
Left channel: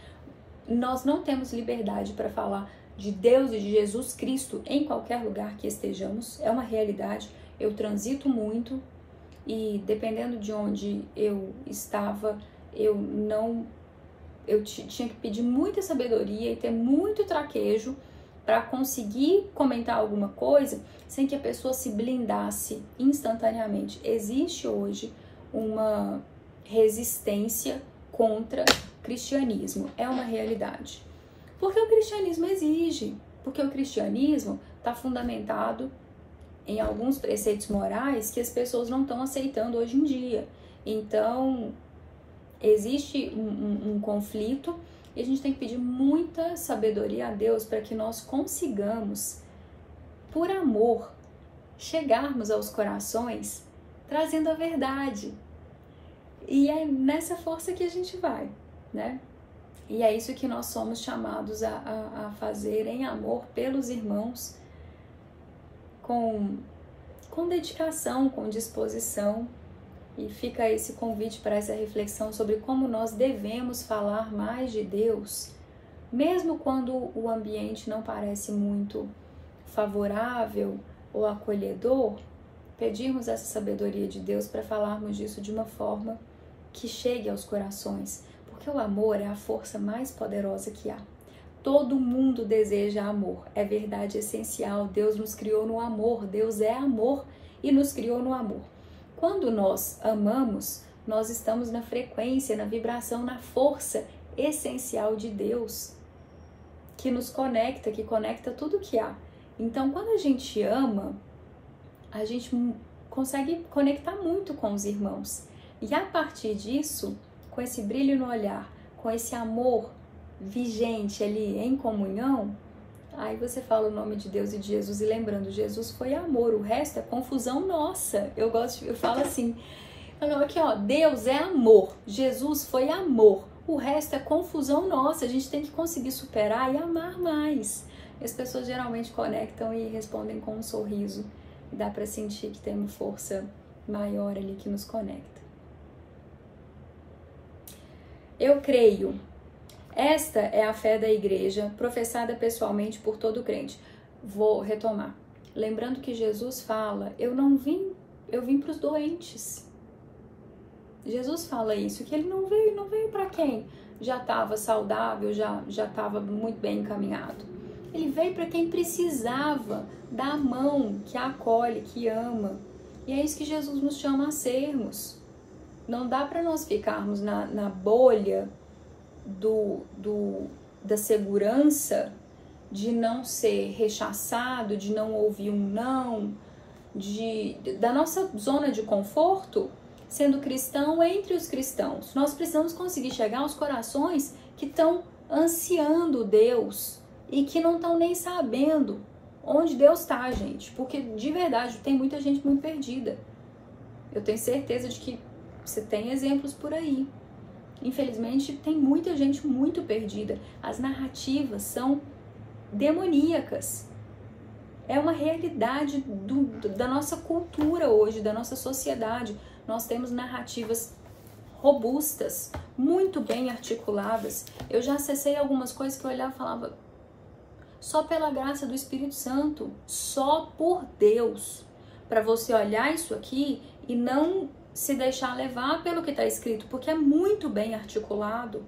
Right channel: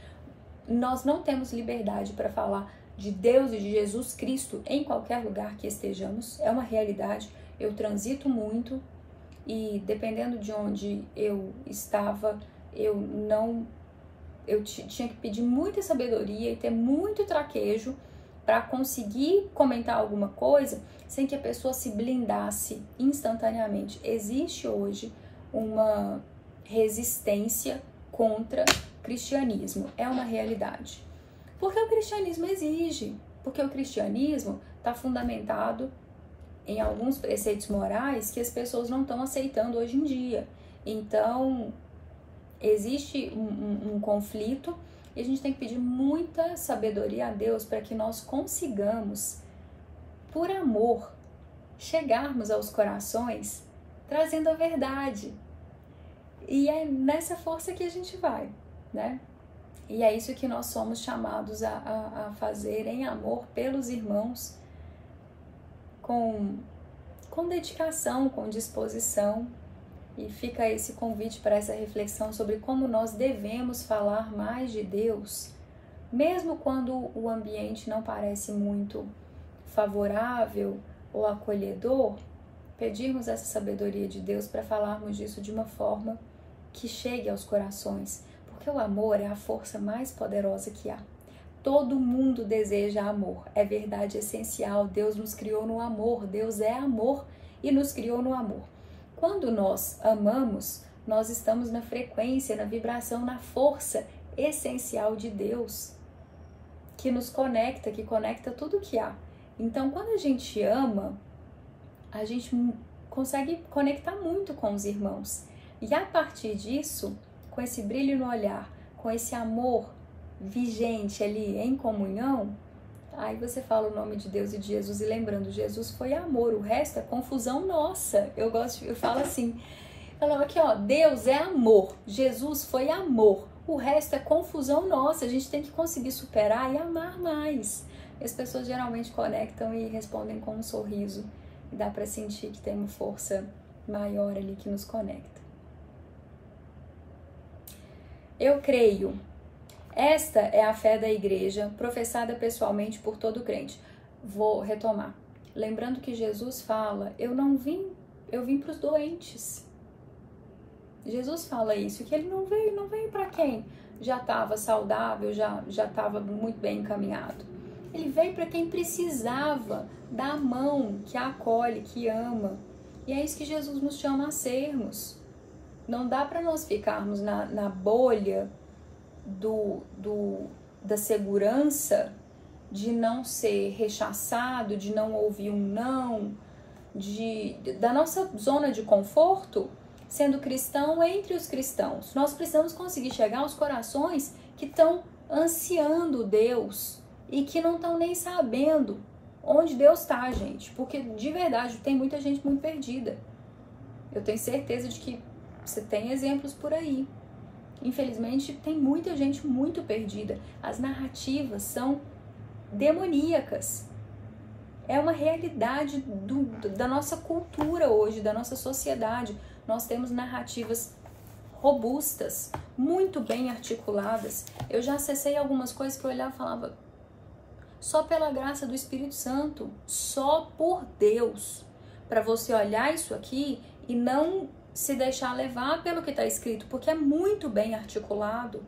Nós não temos liberdade para falar de Deus e de Jesus Cristo em qualquer lugar que estejamos, é uma realidade. Eu transito muito e dependendo de onde eu estava, eu tinha que pedir muita sabedoria e ter muito traquejo para conseguir comentar alguma coisa sem que a pessoa se blindasse instantaneamente. Existe hoje uma resistência contra o cristianismo, é uma realidade. Porque o cristianismo exige, porque o cristianismo está fundamentado em alguns preceitos morais que as pessoas não estão aceitando hoje em dia. Então, existe um conflito e a gente tem que pedir muita sabedoria a Deus para que nós consigamos, por amor, chegarmos aos corações trazendo a verdade. E é nessa força que a gente vai, né? E é isso que nós somos chamados a fazer em amor pelos irmãos, com dedicação, com disposição. E fica esse convite para essa reflexão sobre como nós devemos falar mais de Deus, mesmo quando o ambiente não parece muito favorável ou acolhedor, pedirmos essa sabedoria de Deus para falarmos disso de uma forma que chegue aos corações, porque o amor é a força mais poderosa que há. Todo mundo deseja amor, é verdade essencial. Deus nos criou no amor, Deus é amor e nos criou no amor. Quando nós amamos, nós estamos na frequência, na vibração, na força essencial de Deus, que nos conecta, que conecta tudo que há. Então, quando a gente ama, a gente consegue conectar muito com os irmãos. E a partir disso, com esse brilho no olhar, com esse amor vigente ali em comunhão, aí você fala o nome de Deus e de Jesus, e lembrando, Jesus foi amor, o resto é confusão nossa. Eu falo assim, aqui ó, Deus é amor, Jesus foi amor, o resto é confusão nossa, a gente tem que conseguir superar e amar mais. E as pessoas geralmente conectam e respondem com um sorriso, e dá pra sentir que tem uma força maior ali que nos conecta. Eu creio. Esta é a fé da igreja, professada pessoalmente por todo crente. Vou retomar. Lembrando que Jesus fala, eu vim para os doentes. Jesus fala isso, que ele não veio para quem já estava saudável, já estava muito bem encaminhado. Ele veio para quem precisava da mão que acolhe, que ama. E é isso que Jesus nos chama a sermos. Não dá para nós ficarmos na bolha da segurança de não ser rechaçado, de não ouvir um não, da nossa zona de conforto, sendo cristão entre os cristãos. Nós precisamos conseguir chegar aos corações que estão ansiando Deus e que não estão nem sabendo onde Deus está, gente. Porque, de verdade, tem muita gente muito perdida. Eu tenho certeza de que você tem exemplos por aí. Infelizmente, tem muita gente muito perdida. As narrativas são demoníacas. É uma realidade da nossa cultura hoje, da nossa sociedade. Nós temos narrativas robustas, muito bem articuladas. Eu já acessei algumas coisas que eu olhava e falava, só pela graça do Espírito Santo, só por Deus, para você olhar isso aqui e não se deixar levar pelo que está escrito, porque é muito bem articulado.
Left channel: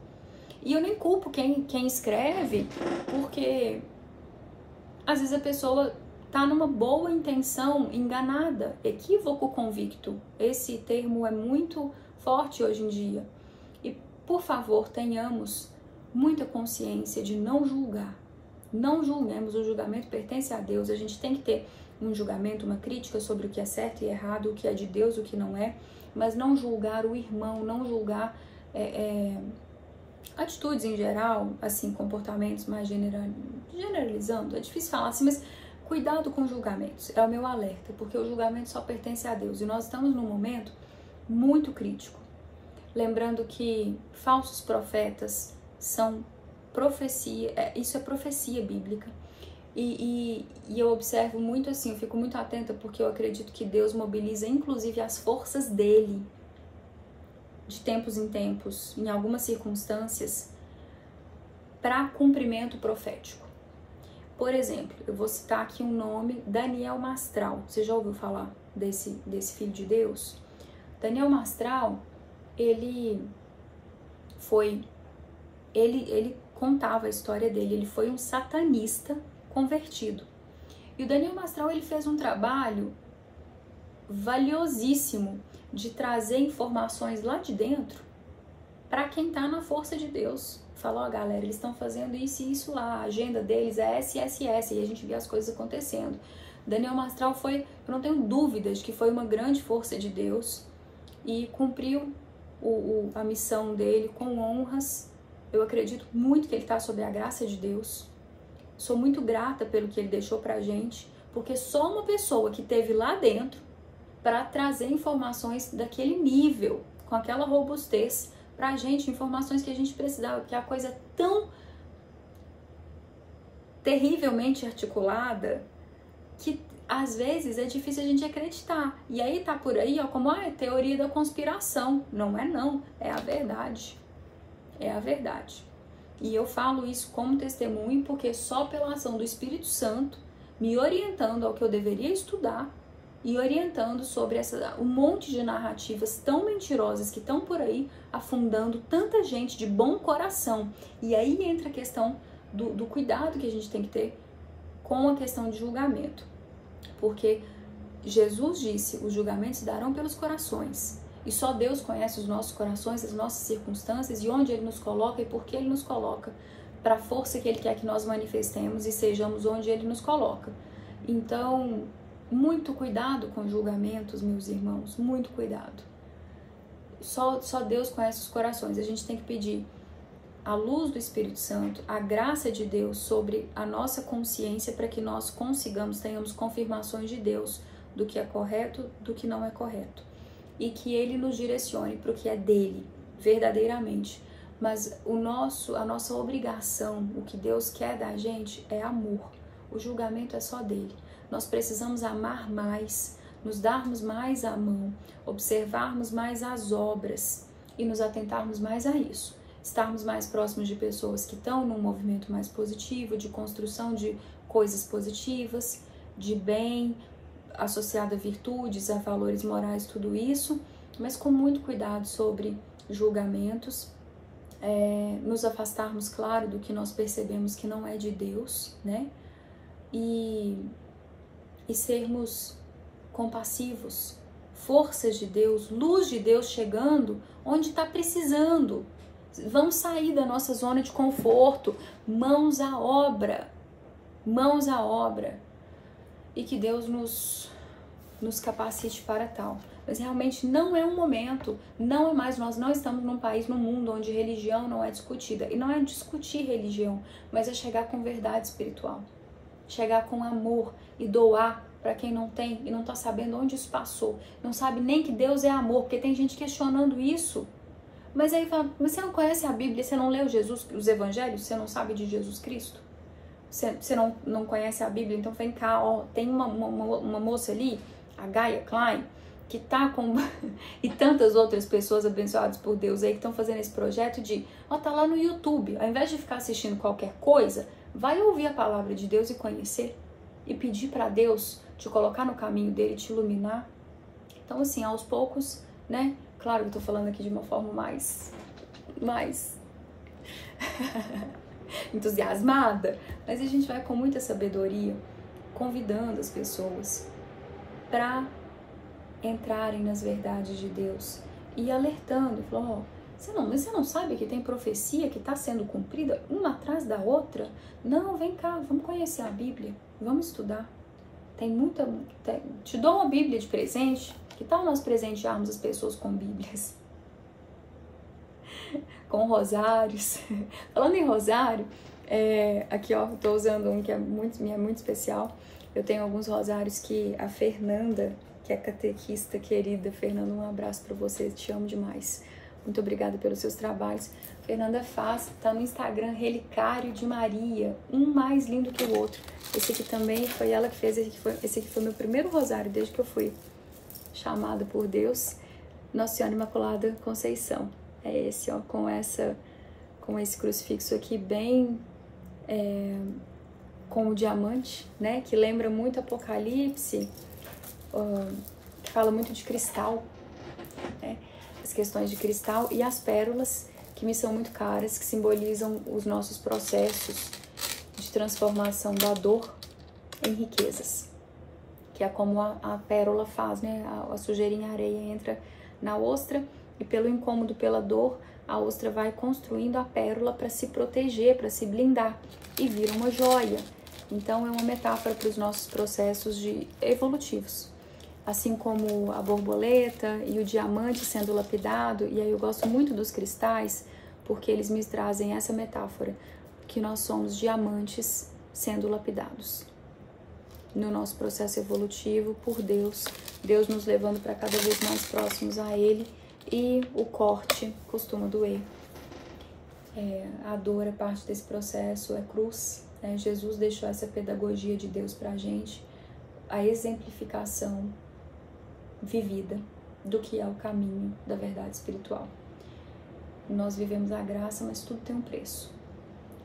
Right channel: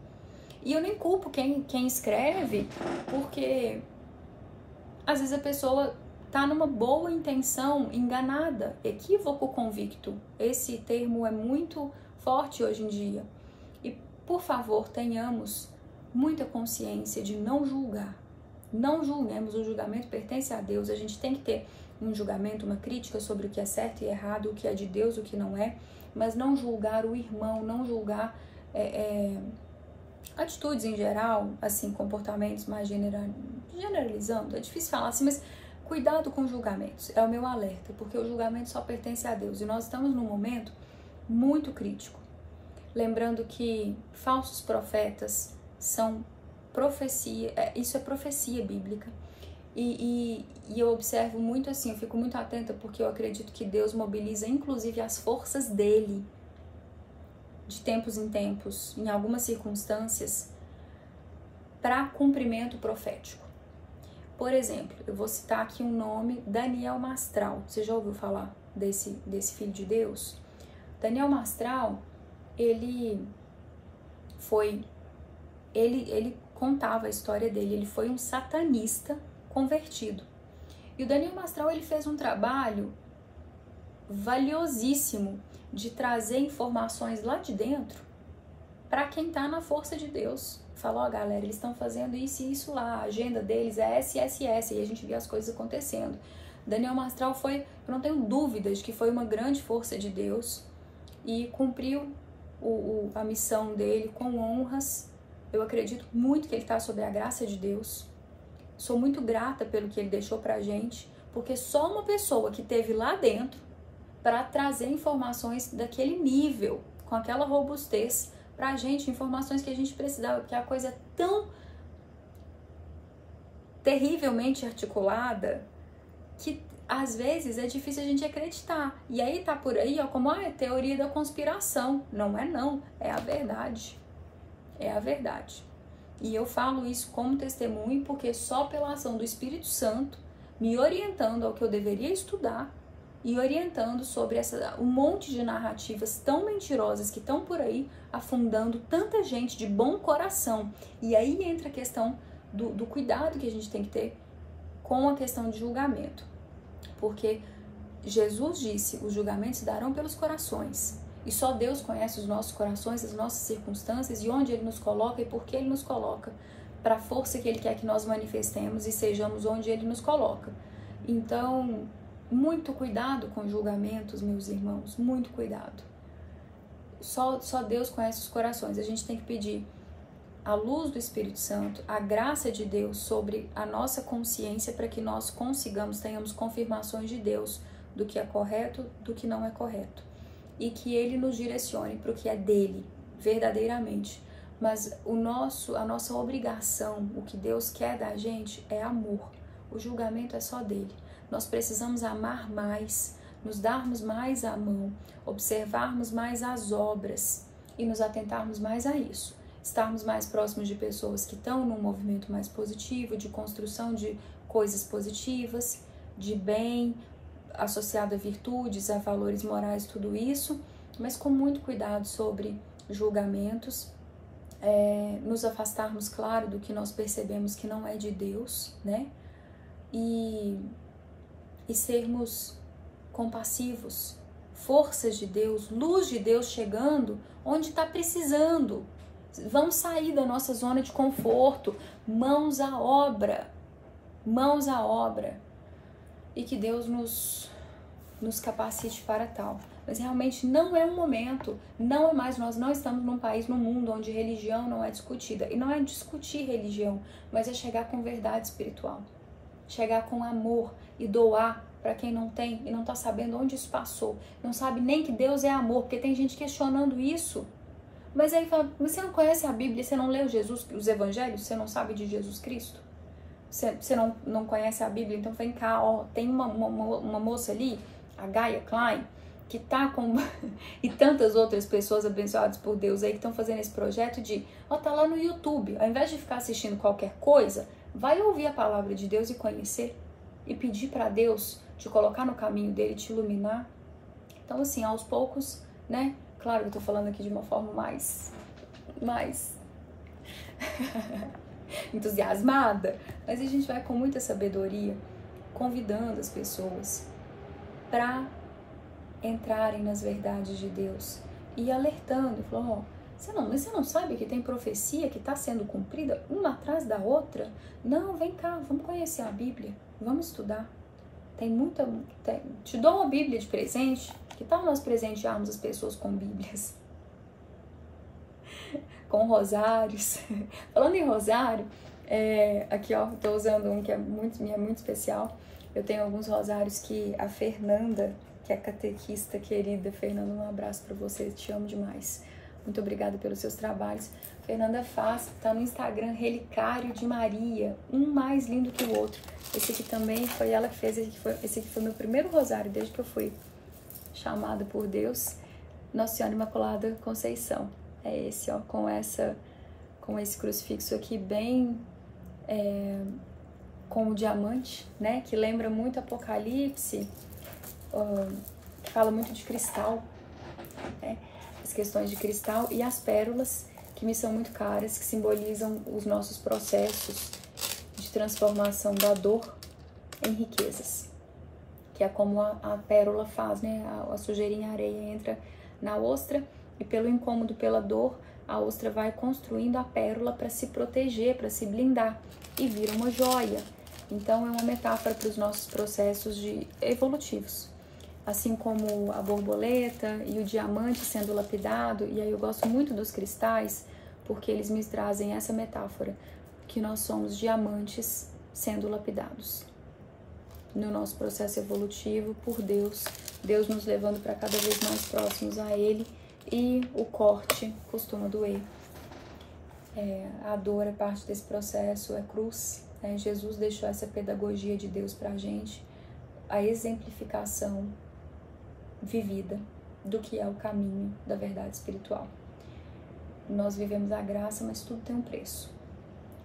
E eu nem culpo quem escreve, porque às vezes a pessoa está numa boa intenção, enganada, equívoco convicto. Esse termo é muito forte hoje em dia. E, por favor, tenhamos muita consciência de não julgar. Não julguemos, o julgamento pertence a Deus. A gente tem que ter um julgamento, uma crítica sobre o que é certo e errado, o que é de Deus, o que não é, mas não julgar o irmão, não julgar atitudes em geral, assim, comportamentos mais generalizando. É difícil falar assim, mas cuidado com julgamentos, é o meu alerta, porque o julgamento só pertence a Deus e nós estamos num momento muito crítico. Lembrando que falsos profetas são profecia, isso é profecia bíblica. E eu observo muito assim, eu fico muito atenta porque eu acredito que Deus mobiliza inclusive as forças dele de tempos em tempos, em algumas circunstâncias, para cumprimento profético. Por exemplo, eu vou citar aqui um nome, Daniel Mastral. Você já ouviu falar desse filho de Deus? Daniel Mastral, ele contava a história dele, ele foi um satanista convertido. E o Daniel Mastral, ele fez um trabalho valiosíssimo de trazer informações lá de dentro para quem tá na força de Deus. Falou, ó, galera, eles estão fazendo isso e isso lá, a agenda deles é SSS, e a gente vê as coisas acontecendo. Daniel Mastral foi, eu não tenho dúvidas de que foi uma grande força de Deus e cumpriu a missão dele com honras. Eu acredito muito que ele está sob a graça de Deus. Sou muito grata pelo que ele deixou pra gente, porque só uma pessoa que teve lá dentro para trazer informações daquele nível, com aquela robustez pra gente, informações que a gente precisava, porque a coisa é tão terrivelmente articulada que às vezes é difícil a gente acreditar. E aí tá por aí, ó, como é teoria da conspiração. Não é não, é a verdade. É a verdade. E eu falo isso como testemunho porque só pela ação do Espírito Santo me orientando ao que eu deveria estudar e orientando sobre um monte de narrativas tão mentirosas que estão por aí afundando tanta gente de bom coração. E aí entra a questão do cuidado que a gente tem que ter com a questão de julgamento. Porque Jesus disse, os julgamentos darão pelos corações. E só Deus conhece os nossos corações, as nossas circunstâncias e onde Ele nos coloca e por que Ele nos coloca, para a força que Ele quer que nós manifestemos e sejamos onde Ele nos coloca. Então, muito cuidado com julgamentos, meus irmãos, muito cuidado. Só Deus conhece os corações. A gente tem que pedir a luz do Espírito Santo, a graça de Deus sobre a nossa consciência para que nós tenhamos confirmações de Deus do que é correto, do que não é correto. E que Ele nos direcione para o que é dele, verdadeiramente. Mas a nossa obrigação, o que Deus quer da gente é amor. O julgamento é só dele. Nós precisamos amar mais, nos darmos mais a mão, observarmos mais as obras e nos atentarmos mais a isso. Estarmos mais próximos de pessoas que estão num movimento mais positivo, de construção de coisas positivas, de bem, associado a virtudes, a valores morais, tudo isso, mas com muito cuidado sobre julgamentos, nos afastarmos, claro, do que nós percebemos que não é de Deus, né? E sermos compassivos, forças de Deus, luz de Deus chegando onde está precisando. Vamos sair da nossa zona de conforto, mãos à obra, e que Deus nos capacite para tal. Mas realmente não é um momento, não é mais, nós não estamos num país, num mundo onde religião não é discutida. E não é discutir religião, mas é chegar com verdade espiritual. Chegar com amor e doar para quem não tem e não está sabendo onde isso passou. Não sabe nem que Deus é amor, porque tem gente questionando isso. Mas aí fala, mas você não conhece a Bíblia, você não leu os evangelhos, você não sabe de Jesus Cristo? Você não conhece a Bíblia, então vem cá, ó, tem uma moça ali, a Gaia Klein, que tá com... e tantas outras pessoas abençoadas por Deus aí que estão fazendo esse projeto de, ó, tá lá no YouTube, ao invés de ficar assistindo qualquer coisa, vai ouvir a palavra de Deus e conhecer, e pedir para Deus te colocar no caminho dele, te iluminar. Então, assim, aos poucos, né? Claro que eu tô falando aqui de uma forma mais entusiasmada, mas a gente vai com muita sabedoria convidando as pessoas para entrarem nas verdades de Deus e alertando, falou, você não sabe que tem profecia que está sendo cumprida uma atrás da outra? Não, vem cá, vamos conhecer a Bíblia, vamos estudar. Te dou uma Bíblia de presente. Que tal nós presentearmos as pessoas com Bíblias? Com rosários. Falando em rosário, aqui ó, eu tô usando um que é muito especial. Eu tenho alguns rosários que a Fernanda, que é catequista querida, Fernanda, um abraço para você, te amo demais. Muito obrigada pelos seus trabalhos. Fernanda faz, tá no Instagram, Relicário de Maria, um mais lindo que o outro. Esse aqui também foi ela que fez, esse aqui foi meu primeiro rosário desde que eu fui chamada por Deus, Nossa Senhora Imaculada Conceição. É esse, ó, com esse crucifixo aqui bem como diamante, né? Que lembra muito Apocalipse, que fala muito de cristal, né? As questões de cristal e as pérolas, que me são muito caras, que simbolizam os nossos processos de transformação da dor em riquezas. Que é como a pérola faz, né? A sujeirinha, a areia entra na ostra e pelo incômodo, pela dor, a ostra vai construindo a pérola para se proteger, para se blindar e vira uma joia. Então é uma metáfora para os nossos processos evolutivos. Assim como a borboleta e o diamante sendo lapidado, e aí eu gosto muito dos cristais porque eles me trazem essa metáfora, que nós somos diamantes sendo lapidados. No nosso processo evolutivo, por Deus, Deus nos levando para cada vez mais próximos a Ele, e o corte costuma doer. A dor é parte desse processo, é cruz, né? Jesus deixou essa pedagogia de Deus para a gente, a exemplificação vivida do que é o caminho da verdade espiritual. Nós vivemos a graça, mas tudo tem um preço.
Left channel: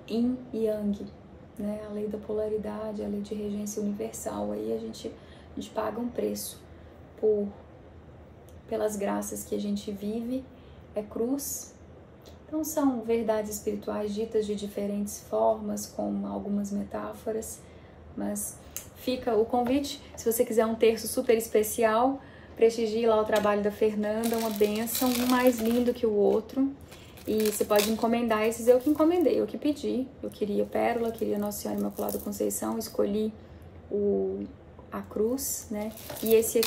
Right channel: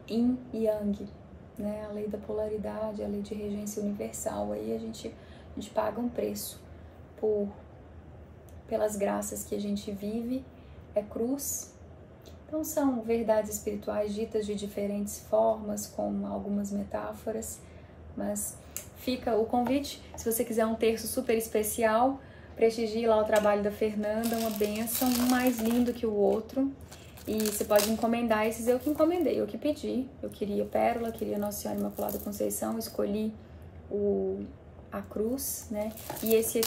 Yin e Yang, né? A lei da polaridade, a lei de regência universal, aí a gente paga um preço pelas graças que a gente vive, é cruz, Então são verdades espirituais ditas de diferentes formas, com algumas metáforas, mas fica o convite. Se você quiser um terço super especial, prestigie lá o trabalho da Fernanda, uma bênção, um mais lindo que o outro. E você pode encomendar esses, eu que encomendei, eu que pedi. Eu queria pérola, queria Nossa Senhora Imaculada Conceição, escolhi a cruz, né? E esse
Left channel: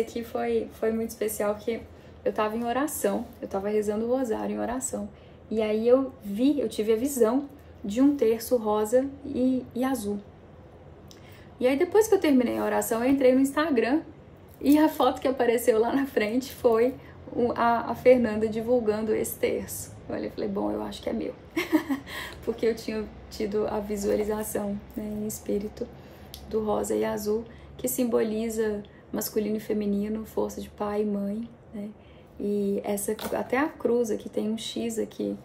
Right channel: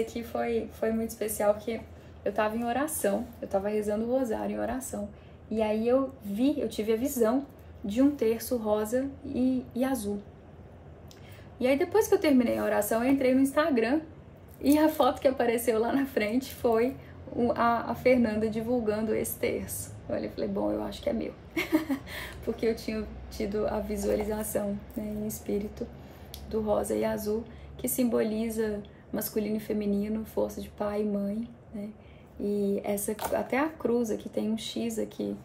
aqui foi muito especial, porque eu tava em oração, eu tava rezando o rosário em oração. E aí eu tive a visão de um terço rosa e azul. E aí depois que eu terminei a oração, eu entrei no Instagram e a foto que apareceu lá na frente foi a Fernanda divulgando esse terço. Eu falei, bom, eu acho que é meu. Porque eu tinha tido a visualização, né, em espírito do rosa e azul, que simboliza masculino e feminino, força de pai e mãe, né? E até a cruz aqui, tem um X aqui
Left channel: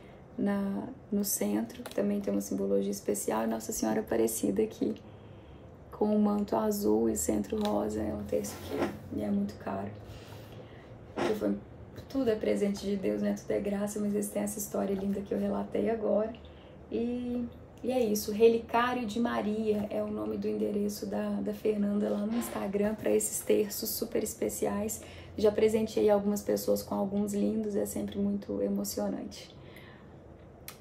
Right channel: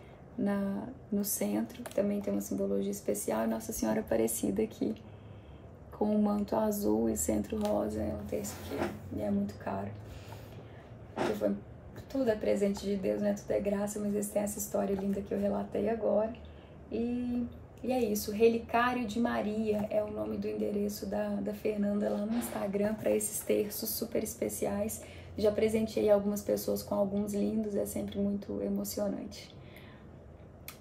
no centro, também tem uma simbologia especial, e Nossa Senhora Aparecida aqui, com o manto azul e centro rosa, é um terço que é muito caro. Tudo é presente de Deus, né? Tudo é graça, mas eles têm essa história linda que eu relatei agora. E é isso, Relicário de Maria é o nome do endereço da Fernanda lá no Instagram para esses terços super especiais. Já presenteei algumas pessoas com alguns lindos, é sempre muito emocionante.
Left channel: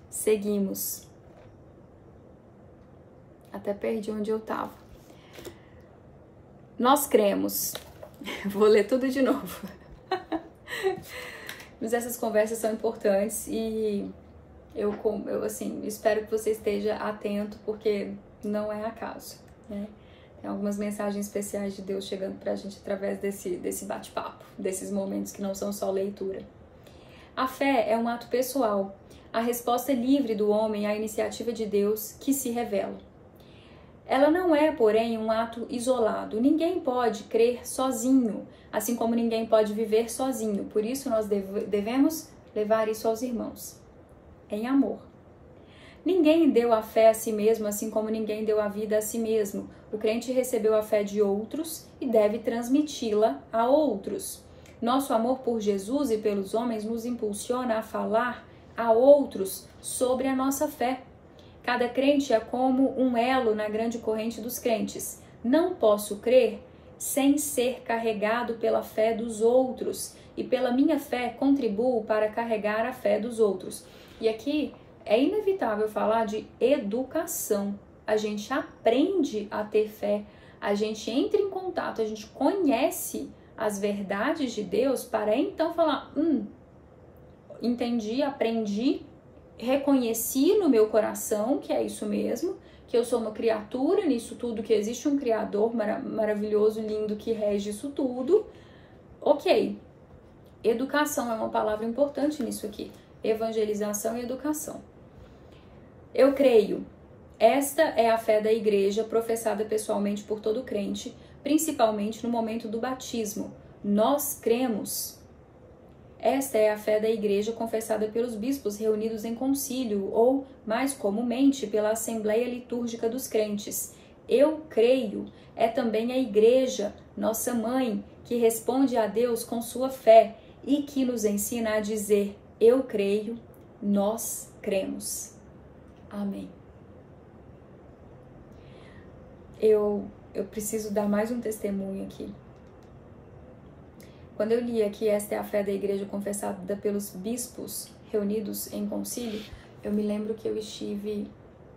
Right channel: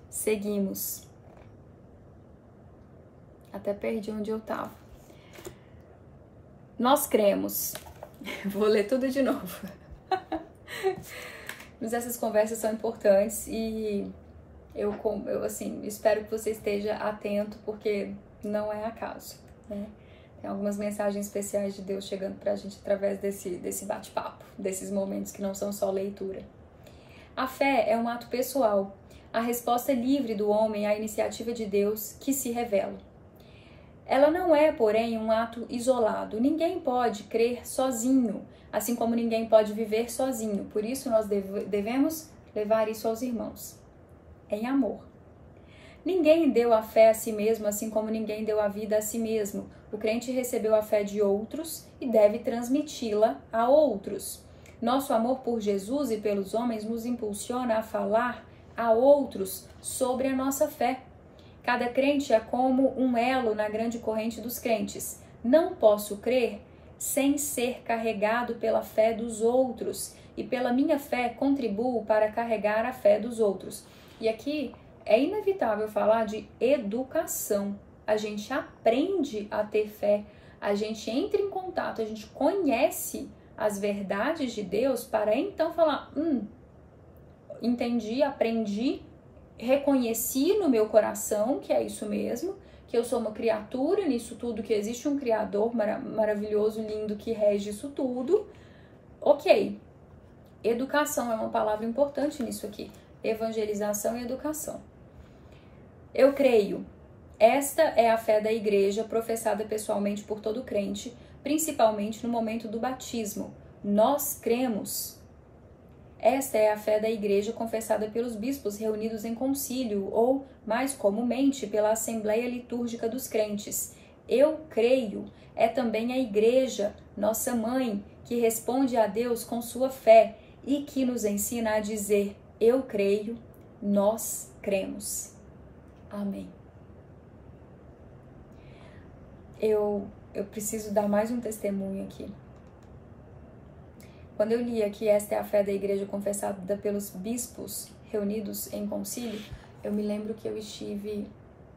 Seguimos. Até perdi onde eu tava. Nós cremos. Vou ler tudo de novo. Mas essas conversas são importantes e eu assim, espero que você esteja atento, porque não é acaso, né? Tem algumas mensagens especiais de Deus chegando pra gente através desse bate-papo, desses momentos que não são só leitura. A fé é um ato pessoal, a resposta livre do homem à iniciativa de Deus que se revela. Ela não é, porém, um ato isolado. Ninguém pode crer sozinho, assim como ninguém pode viver sozinho. Por isso, nós devemos levar isso aos irmãos, em amor. Ninguém deu a fé a si mesmo, assim como ninguém deu a vida a si mesmo. O crente recebeu a fé de outros e deve transmiti-la a outros. Nosso amor por Jesus e pelos homens nos impulsiona a falar a outros sobre a nossa fé. Cada crente é como um elo na grande corrente dos crentes. Não posso crer sem ser carregado pela fé dos outros, e pela minha fé contribuo para carregar a fé dos outros. E aqui é inevitável falar de educação. A gente aprende a ter fé, a gente entra em contato, a gente conhece as verdades de Deus para então falar, entendi, aprendi, reconheci no meu coração que é isso mesmo, que eu sou uma criatura nisso tudo, que existe um Criador maravilhoso, lindo, que rege isso tudo. Ok, educação é uma palavra importante nisso aqui, evangelização e educação. Eu creio, esta é a fé da igreja professada pessoalmente por todo crente, principalmente no momento do batismo. Nós cremos. Esta é a fé da igreja confessada pelos bispos reunidos em concílio, ou, mais comumente, pela Assembleia Litúrgica dos Crentes. Eu creio é também a igreja, nossa mãe, que responde a Deus com sua fé e que nos ensina a dizer, eu creio, nós cremos. Amém. Eu preciso dar mais um testemunho aqui. Quando eu li aqui, esta é a fé da igreja confessada pelos bispos reunidos em concílio, eu me lembro que eu estive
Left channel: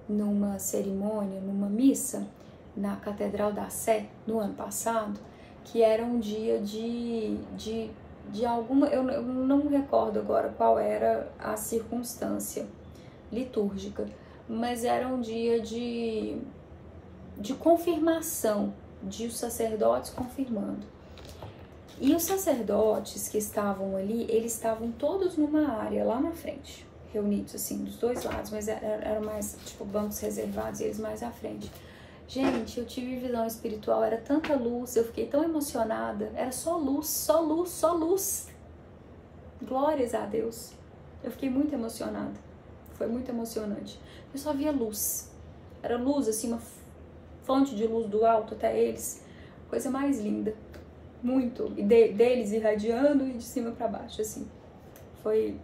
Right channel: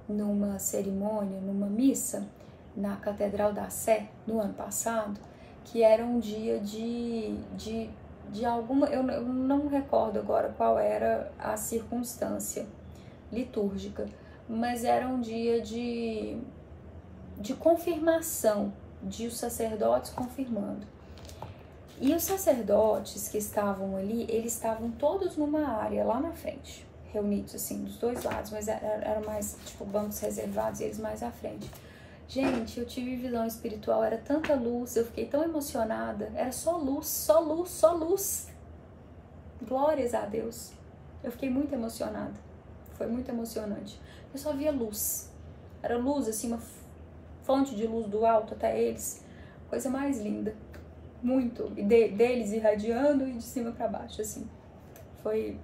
numa cerimônia, numa missa, na Catedral da Sé, no ano passado, que era um dia de alguma... Eu não recordo agora qual era a circunstância litúrgica, mas era um dia de confirmação, de os sacerdotes confirmando. E os sacerdotes que estavam ali, eles estavam todos numa área lá na frente, reunidos assim, dos dois lados, mas eram mais, tipo, bancos reservados e eles mais à frente. Gente, eu tive visão espiritual, era tanta luz, eu fiquei tão emocionada, era só luz, só luz, só luz. Glórias a Deus. Eu fiquei muito emocionada, foi muito emocionante. Eu só via luz, era luz assim, uma fonte de luz do alto até eles, coisa mais linda. Muito, e deles irradiando e de cima para baixo, assim. Foi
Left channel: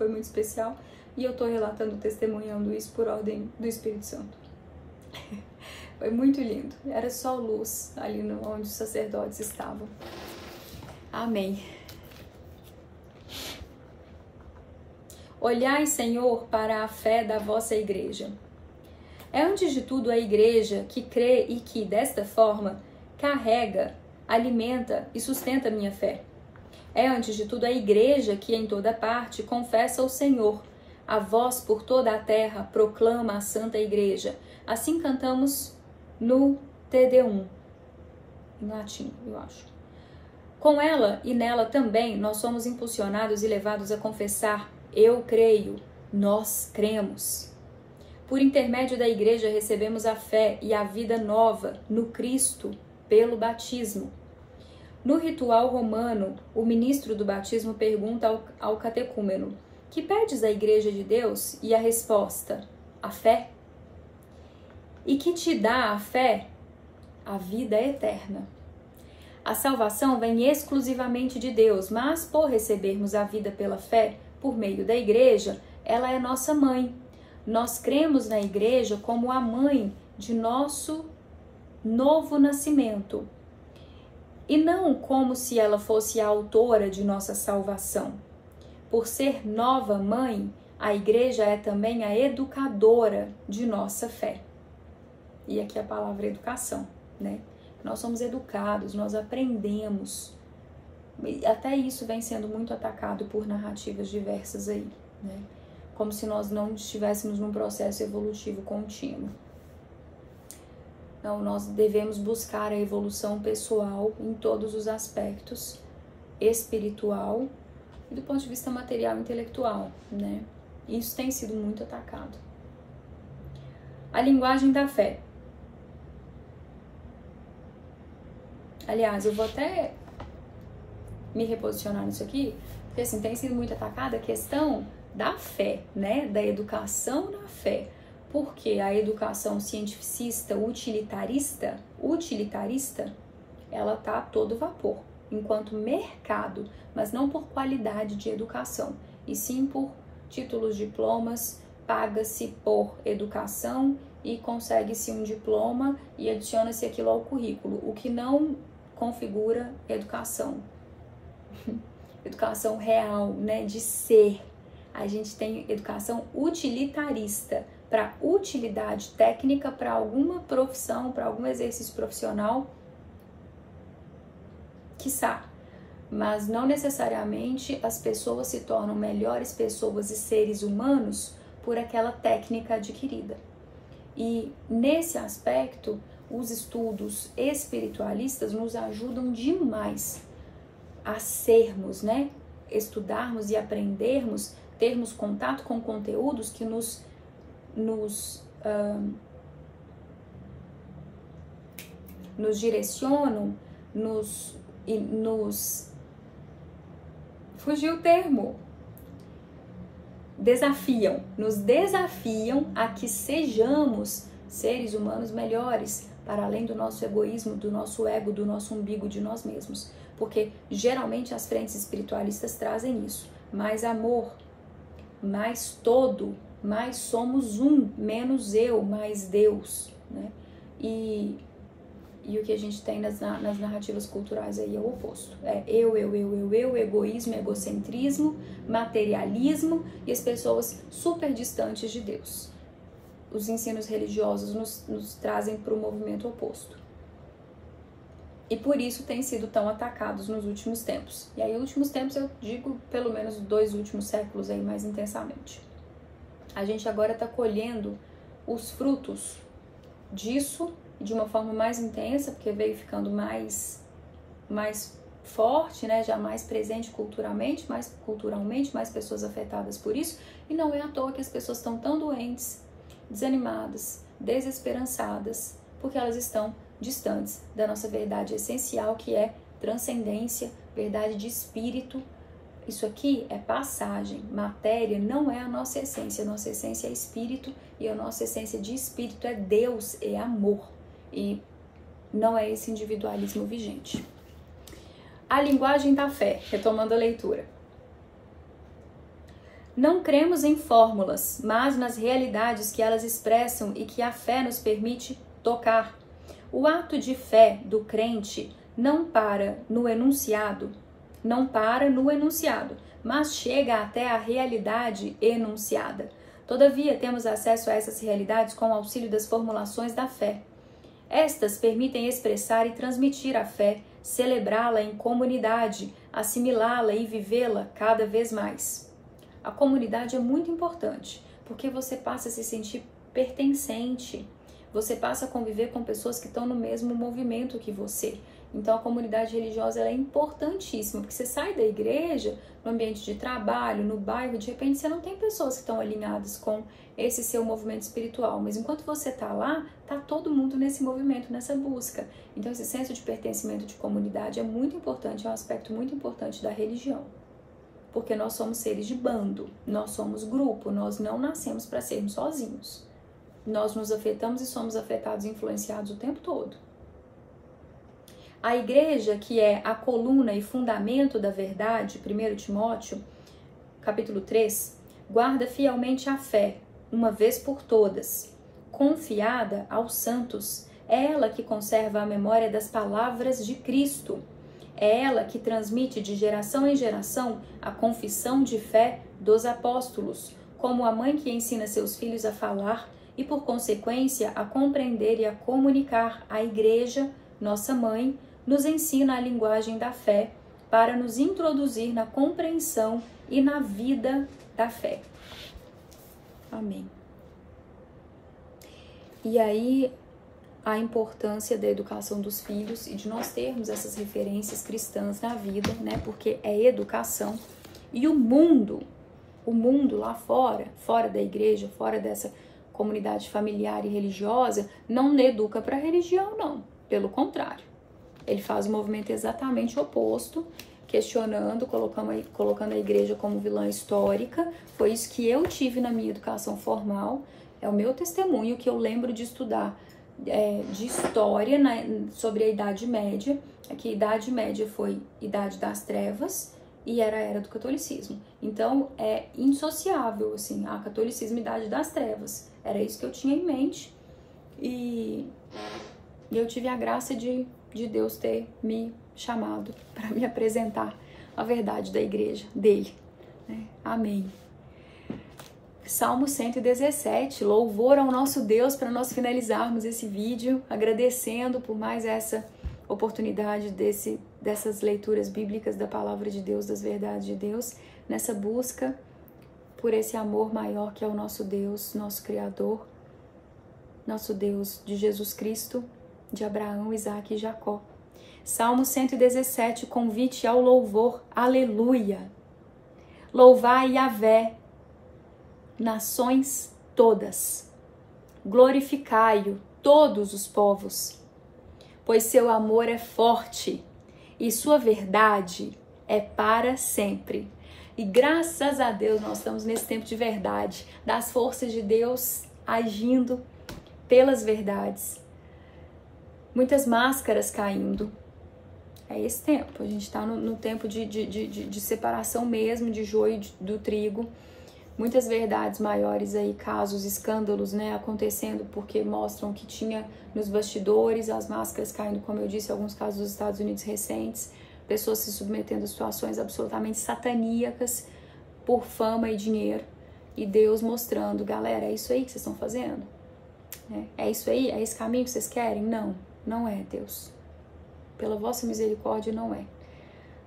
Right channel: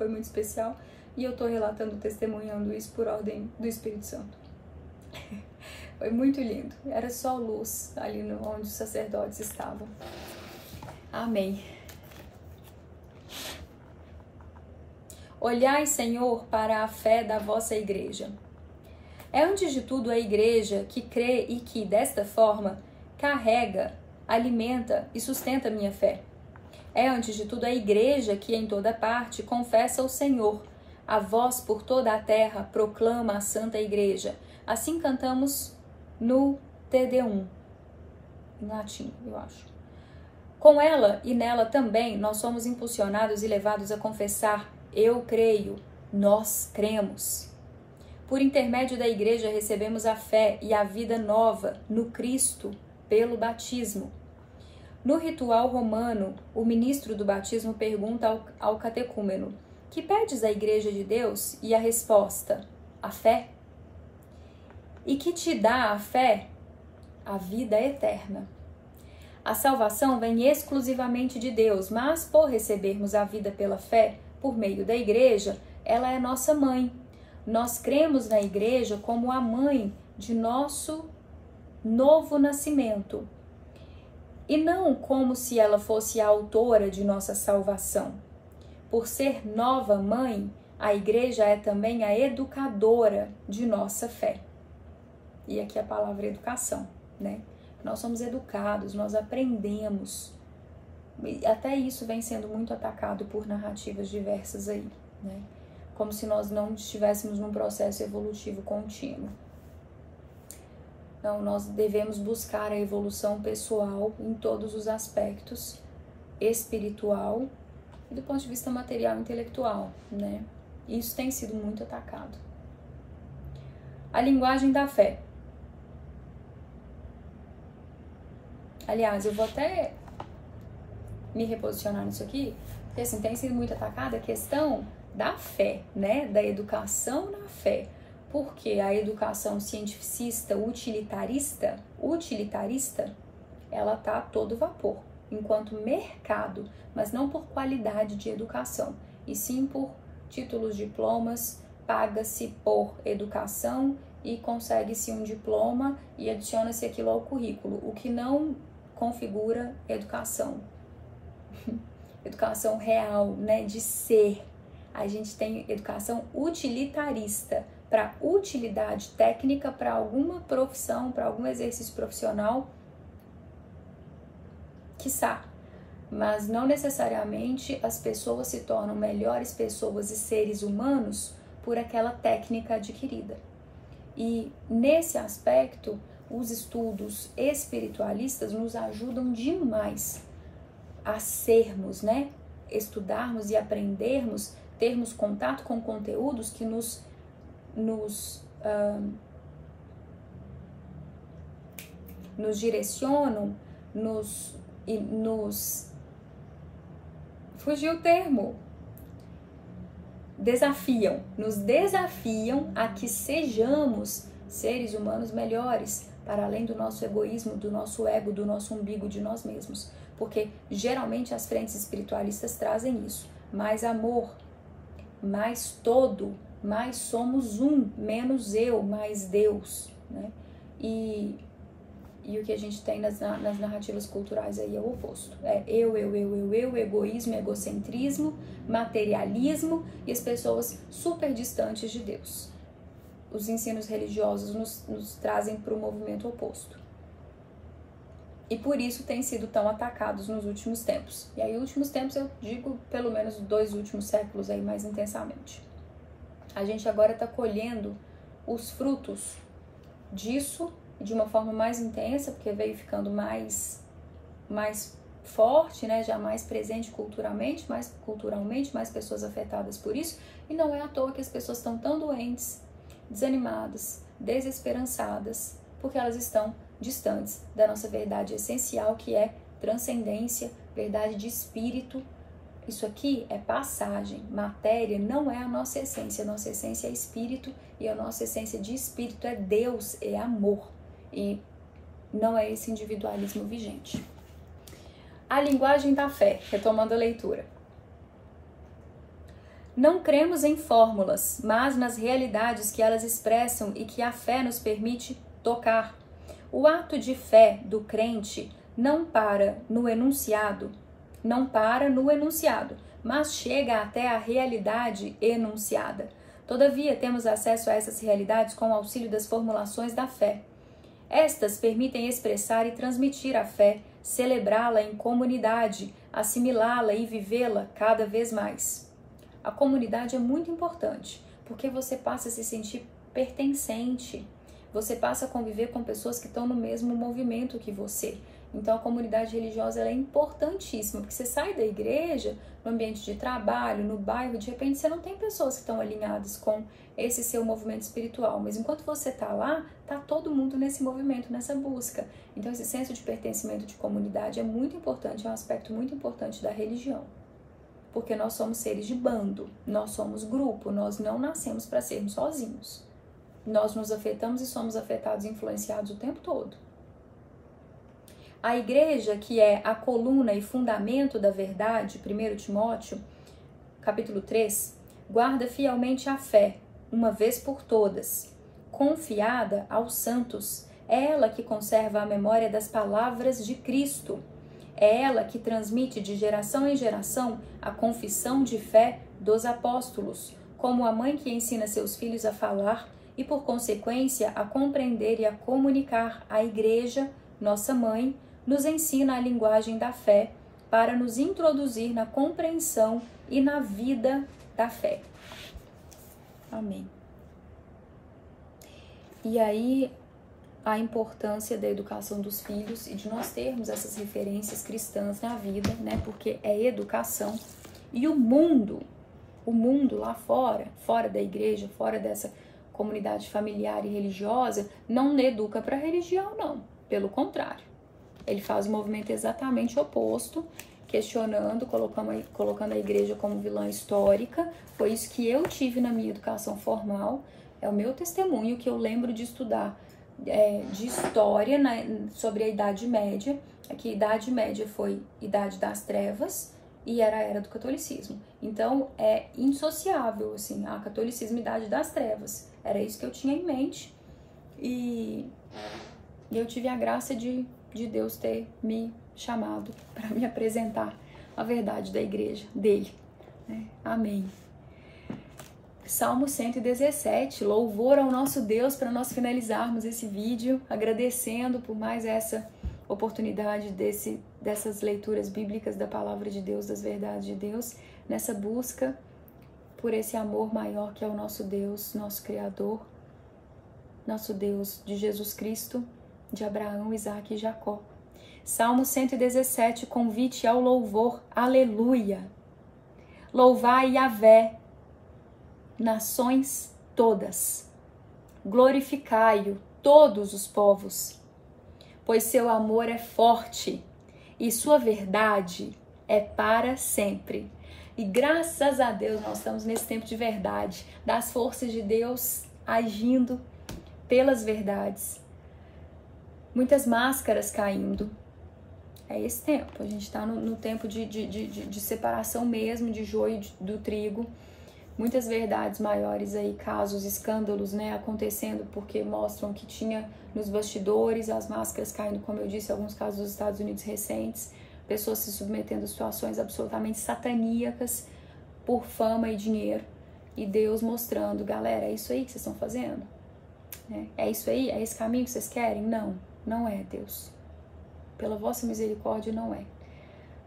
muito especial. E eu tô relatando, testemunhando isso por ordem do Espírito Santo. Foi muito lindo. Era só luz ali onde os sacerdotes estavam. Amém. Olhai, Senhor, para a fé da vossa igreja. É antes de tudo a igreja que crê e que, desta forma, carrega, alimenta e sustenta a minha fé. É antes de tudo a igreja que em toda parte confessa o Senhor. A voz por toda a terra proclama a Santa Igreja. Assim cantamos no TD1, em latim, eu acho. Com ela e nela também nós somos impulsionados e levados a confessar: eu creio, nós cremos. Por intermédio da igreja recebemos a fé e a vida nova no Cristo pelo batismo. No ritual romano, o ministro do batismo pergunta ao catecúmeno: que pedes à igreja de Deus? E a resposta: a fé. E que te dá a fé? A vida eterna. A salvação vem exclusivamente de Deus, mas por recebermos a vida pela fé, por meio da igreja, ela é nossa mãe. Nós cremos na igreja como a mãe de nosso novo nascimento, e não como se ela fosse a autora de nossa salvação. Por ser nova mãe, a igreja é também a educadora de nossa fé. E aqui a palavra educação, né? Nós somos educados, nós aprendemos. Até isso vem sendo muito atacado por narrativas diversas aí, né? Como se nós não estivéssemos num processo evolutivo contínuo. Então, nós devemos buscar a evolução pessoal em todos os aspectos, espiritual e do ponto de vista material e intelectual, né? Isso tem sido muito atacado. A linguagem da fé. Aliás, eu vou até me reposicionar nisso aqui, porque assim, tem sido muito atacada a questão da fé, né? Da educação na fé. Porque a educação cientificista, utilitarista, ela tá a todo vapor, enquanto mercado, mas não por qualidade de educação, e sim por títulos, diplomas, paga-se por educação e consegue-se um diploma e adiciona-se aquilo ao currículo, o que não configura educação. Educação real, né, de ser. A gente tem educação utilitarista, para utilidade técnica, para alguma profissão, para algum exercício profissional, quiçá. Mas não necessariamente as pessoas se tornam melhores pessoas e seres humanos por aquela técnica adquirida. E nesse aspecto, os estudos espiritualistas nos ajudam demais a sermos, né? Estudarmos e aprendermos, termos contato com conteúdos que nos direcionam, fugiu o termo, nos desafiam a que sejamos seres humanos melhores, para além do nosso egoísmo, do nosso ego, do nosso umbigo, de nós mesmos, porque geralmente as frentes espiritualistas trazem isso: mais amor, mais todo, mais somos um, menos eu, mais Deus, né? E o que a gente tem nas narrativas culturais aí é o oposto. É eu, egoísmo, egocentrismo, materialismo e as pessoas super distantes de Deus. Os ensinos religiosos nos trazem para o movimento oposto. E por isso têm sido tão atacados nos últimos tempos. E aí, últimos tempos, eu digo pelo menos 2 últimos séculos aí mais intensamente. A gente agora está colhendo os frutos disso de uma forma mais intensa, porque veio ficando mais forte, né? Já mais presente culturalmente, mais pessoas afetadas por isso. E não é à toa que as pessoas estão tão doentes, desanimadas, desesperançadas, porque elas estão distantes da nossa verdade essencial, que é transcendência, verdade de espírito. Isso aqui é passagem, matéria não é a nossa essência é espírito, e a nossa essência de espírito é Deus, é amor, e não é esse individualismo vigente. A linguagem da fé, retomando a leitura. Não cremos em fórmulas, mas nas realidades que elas expressam e que a fé nos permite tocar. O ato de fé do crente não para no enunciado, mas chega até a realidade enunciada. Todavia, temos acesso a essas realidades com o auxílio das formulações da fé. Estas permitem expressar e transmitir a fé, celebrá-la em comunidade, assimilá-la e vivê-la cada vez mais. A comunidade é muito importante, porque você passa a se sentir pertencente, você passa a conviver com pessoas que estão no mesmo movimento que você. Então a comunidade religiosa ela é importantíssima, porque você sai da igreja, no ambiente de trabalho, no bairro, de repente você não tem pessoas que estão alinhadas com esse seu movimento espiritual, mas enquanto você está lá, está todo mundo nesse movimento, nessa busca. Então esse senso de pertencimento de comunidade é muito importante, é um aspecto muito importante da religião. Porque nós somos seres de bando, nós somos grupo, nós não nascemos para sermos sozinhos. Nós nos afetamos e somos afetados e influenciados o tempo todo. A igreja, que é a coluna e fundamento da verdade, 1 Timóteo, capítulo 3, guarda fielmente a fé, uma vez por todas, confiada aos santos. É ela que conserva a memória das palavras de Cristo. É ela que transmite de geração em geração a confissão de fé dos apóstolos, como a mãe que ensina seus filhos a falar e, por consequência, a compreender e a comunicar. A igreja, nossa mãe, nos ensina a linguagem da fé para nos introduzir na compreensão e na vida da fé. Amém. E aí, a importância da educação dos filhos e de nós termos essas referências cristãs na vida, né? Porque é educação. E o mundo lá fora da igreja, fora dessa comunidade familiar e religiosa, não educa para a religião, não. Pelo contrário. Ele faz o movimento exatamente oposto, questionando, colocando a igreja como vilã histórica. Foi isso que eu tive na minha educação formal. É o meu testemunho que eu lembro de estudar de história sobre a Idade Média. É que a Idade Média foi Idade das Trevas e era a Era do Catolicismo. Então, é indissociável, assim, a catolicismo e a Idade das Trevas. Era isso que eu tinha em mente. E eu tive a graça de Deus ter me chamado para me apresentar a verdade da igreja, dele. Né? Amém. Salmo 117, louvor ao nosso Deus, para nós finalizarmos esse vídeo, agradecendo por mais essa oportunidade dessas leituras bíblicas da palavra de Deus, das verdades de Deus, nessa busca por esse amor maior que é o nosso Deus, nosso Criador, nosso Deus de Jesus Cristo, de Abraão, Isaque e Jacó. Salmo 117, convite ao louvor, aleluia. Louvai Yahvé, nações todas, glorificai-o todos os povos, pois seu amor é forte e sua verdade é para sempre. E graças a Deus nós estamos nesse tempo de verdade, das forças de Deus agindo pelas verdades. Muitas máscaras caindo. É esse tempo, a gente está no tempo de separação mesmo, de joio do trigo. Muitas verdades maiores aí, casos, escândalos, né, acontecendo porque mostram que tinha nos bastidores, as máscaras caindo, como eu disse, alguns casos dos Estados Unidos recentes, pessoas se submetendo a situações absolutamente sataníacas por fama e dinheiro. E Deus mostrando, galera, é isso aí que vocês estão fazendo? É isso aí? É esse caminho que vocês querem? Não, não é, Deus. Pela vossa misericórdia, não é.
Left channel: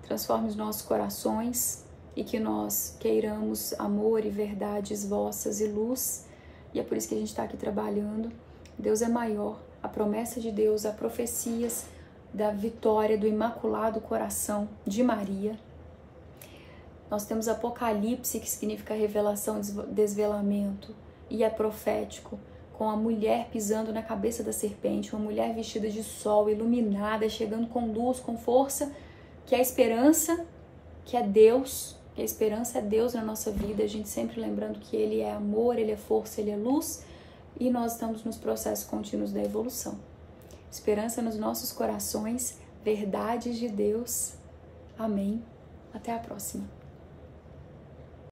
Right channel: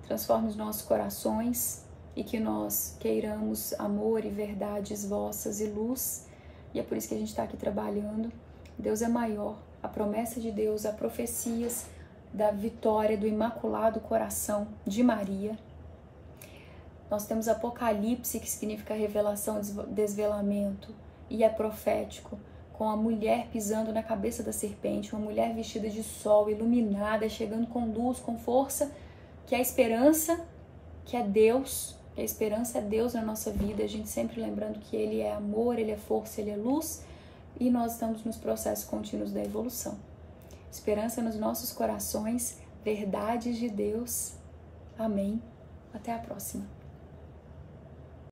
Transforme os nossos corações e que nós queiramos amor e verdades vossas e luz. E é por isso que a gente está aqui trabalhando. Deus é maior. A promessa de Deus, a profecias da vitória do Imaculado Coração de Maria. Nós temos Apocalipse, que significa revelação, desvelamento, e é profético, com a mulher pisando na cabeça da serpente, uma mulher vestida de sol, iluminada, chegando com luz, com força, que é a esperança, que é Deus, que a esperança é Deus na nossa vida, a gente sempre lembrando que Ele é amor, Ele é força, Ele é luz, e nós estamos nos processos contínuos da evolução. Esperança nos nossos corações, verdades de Deus. Amém. Até a próxima.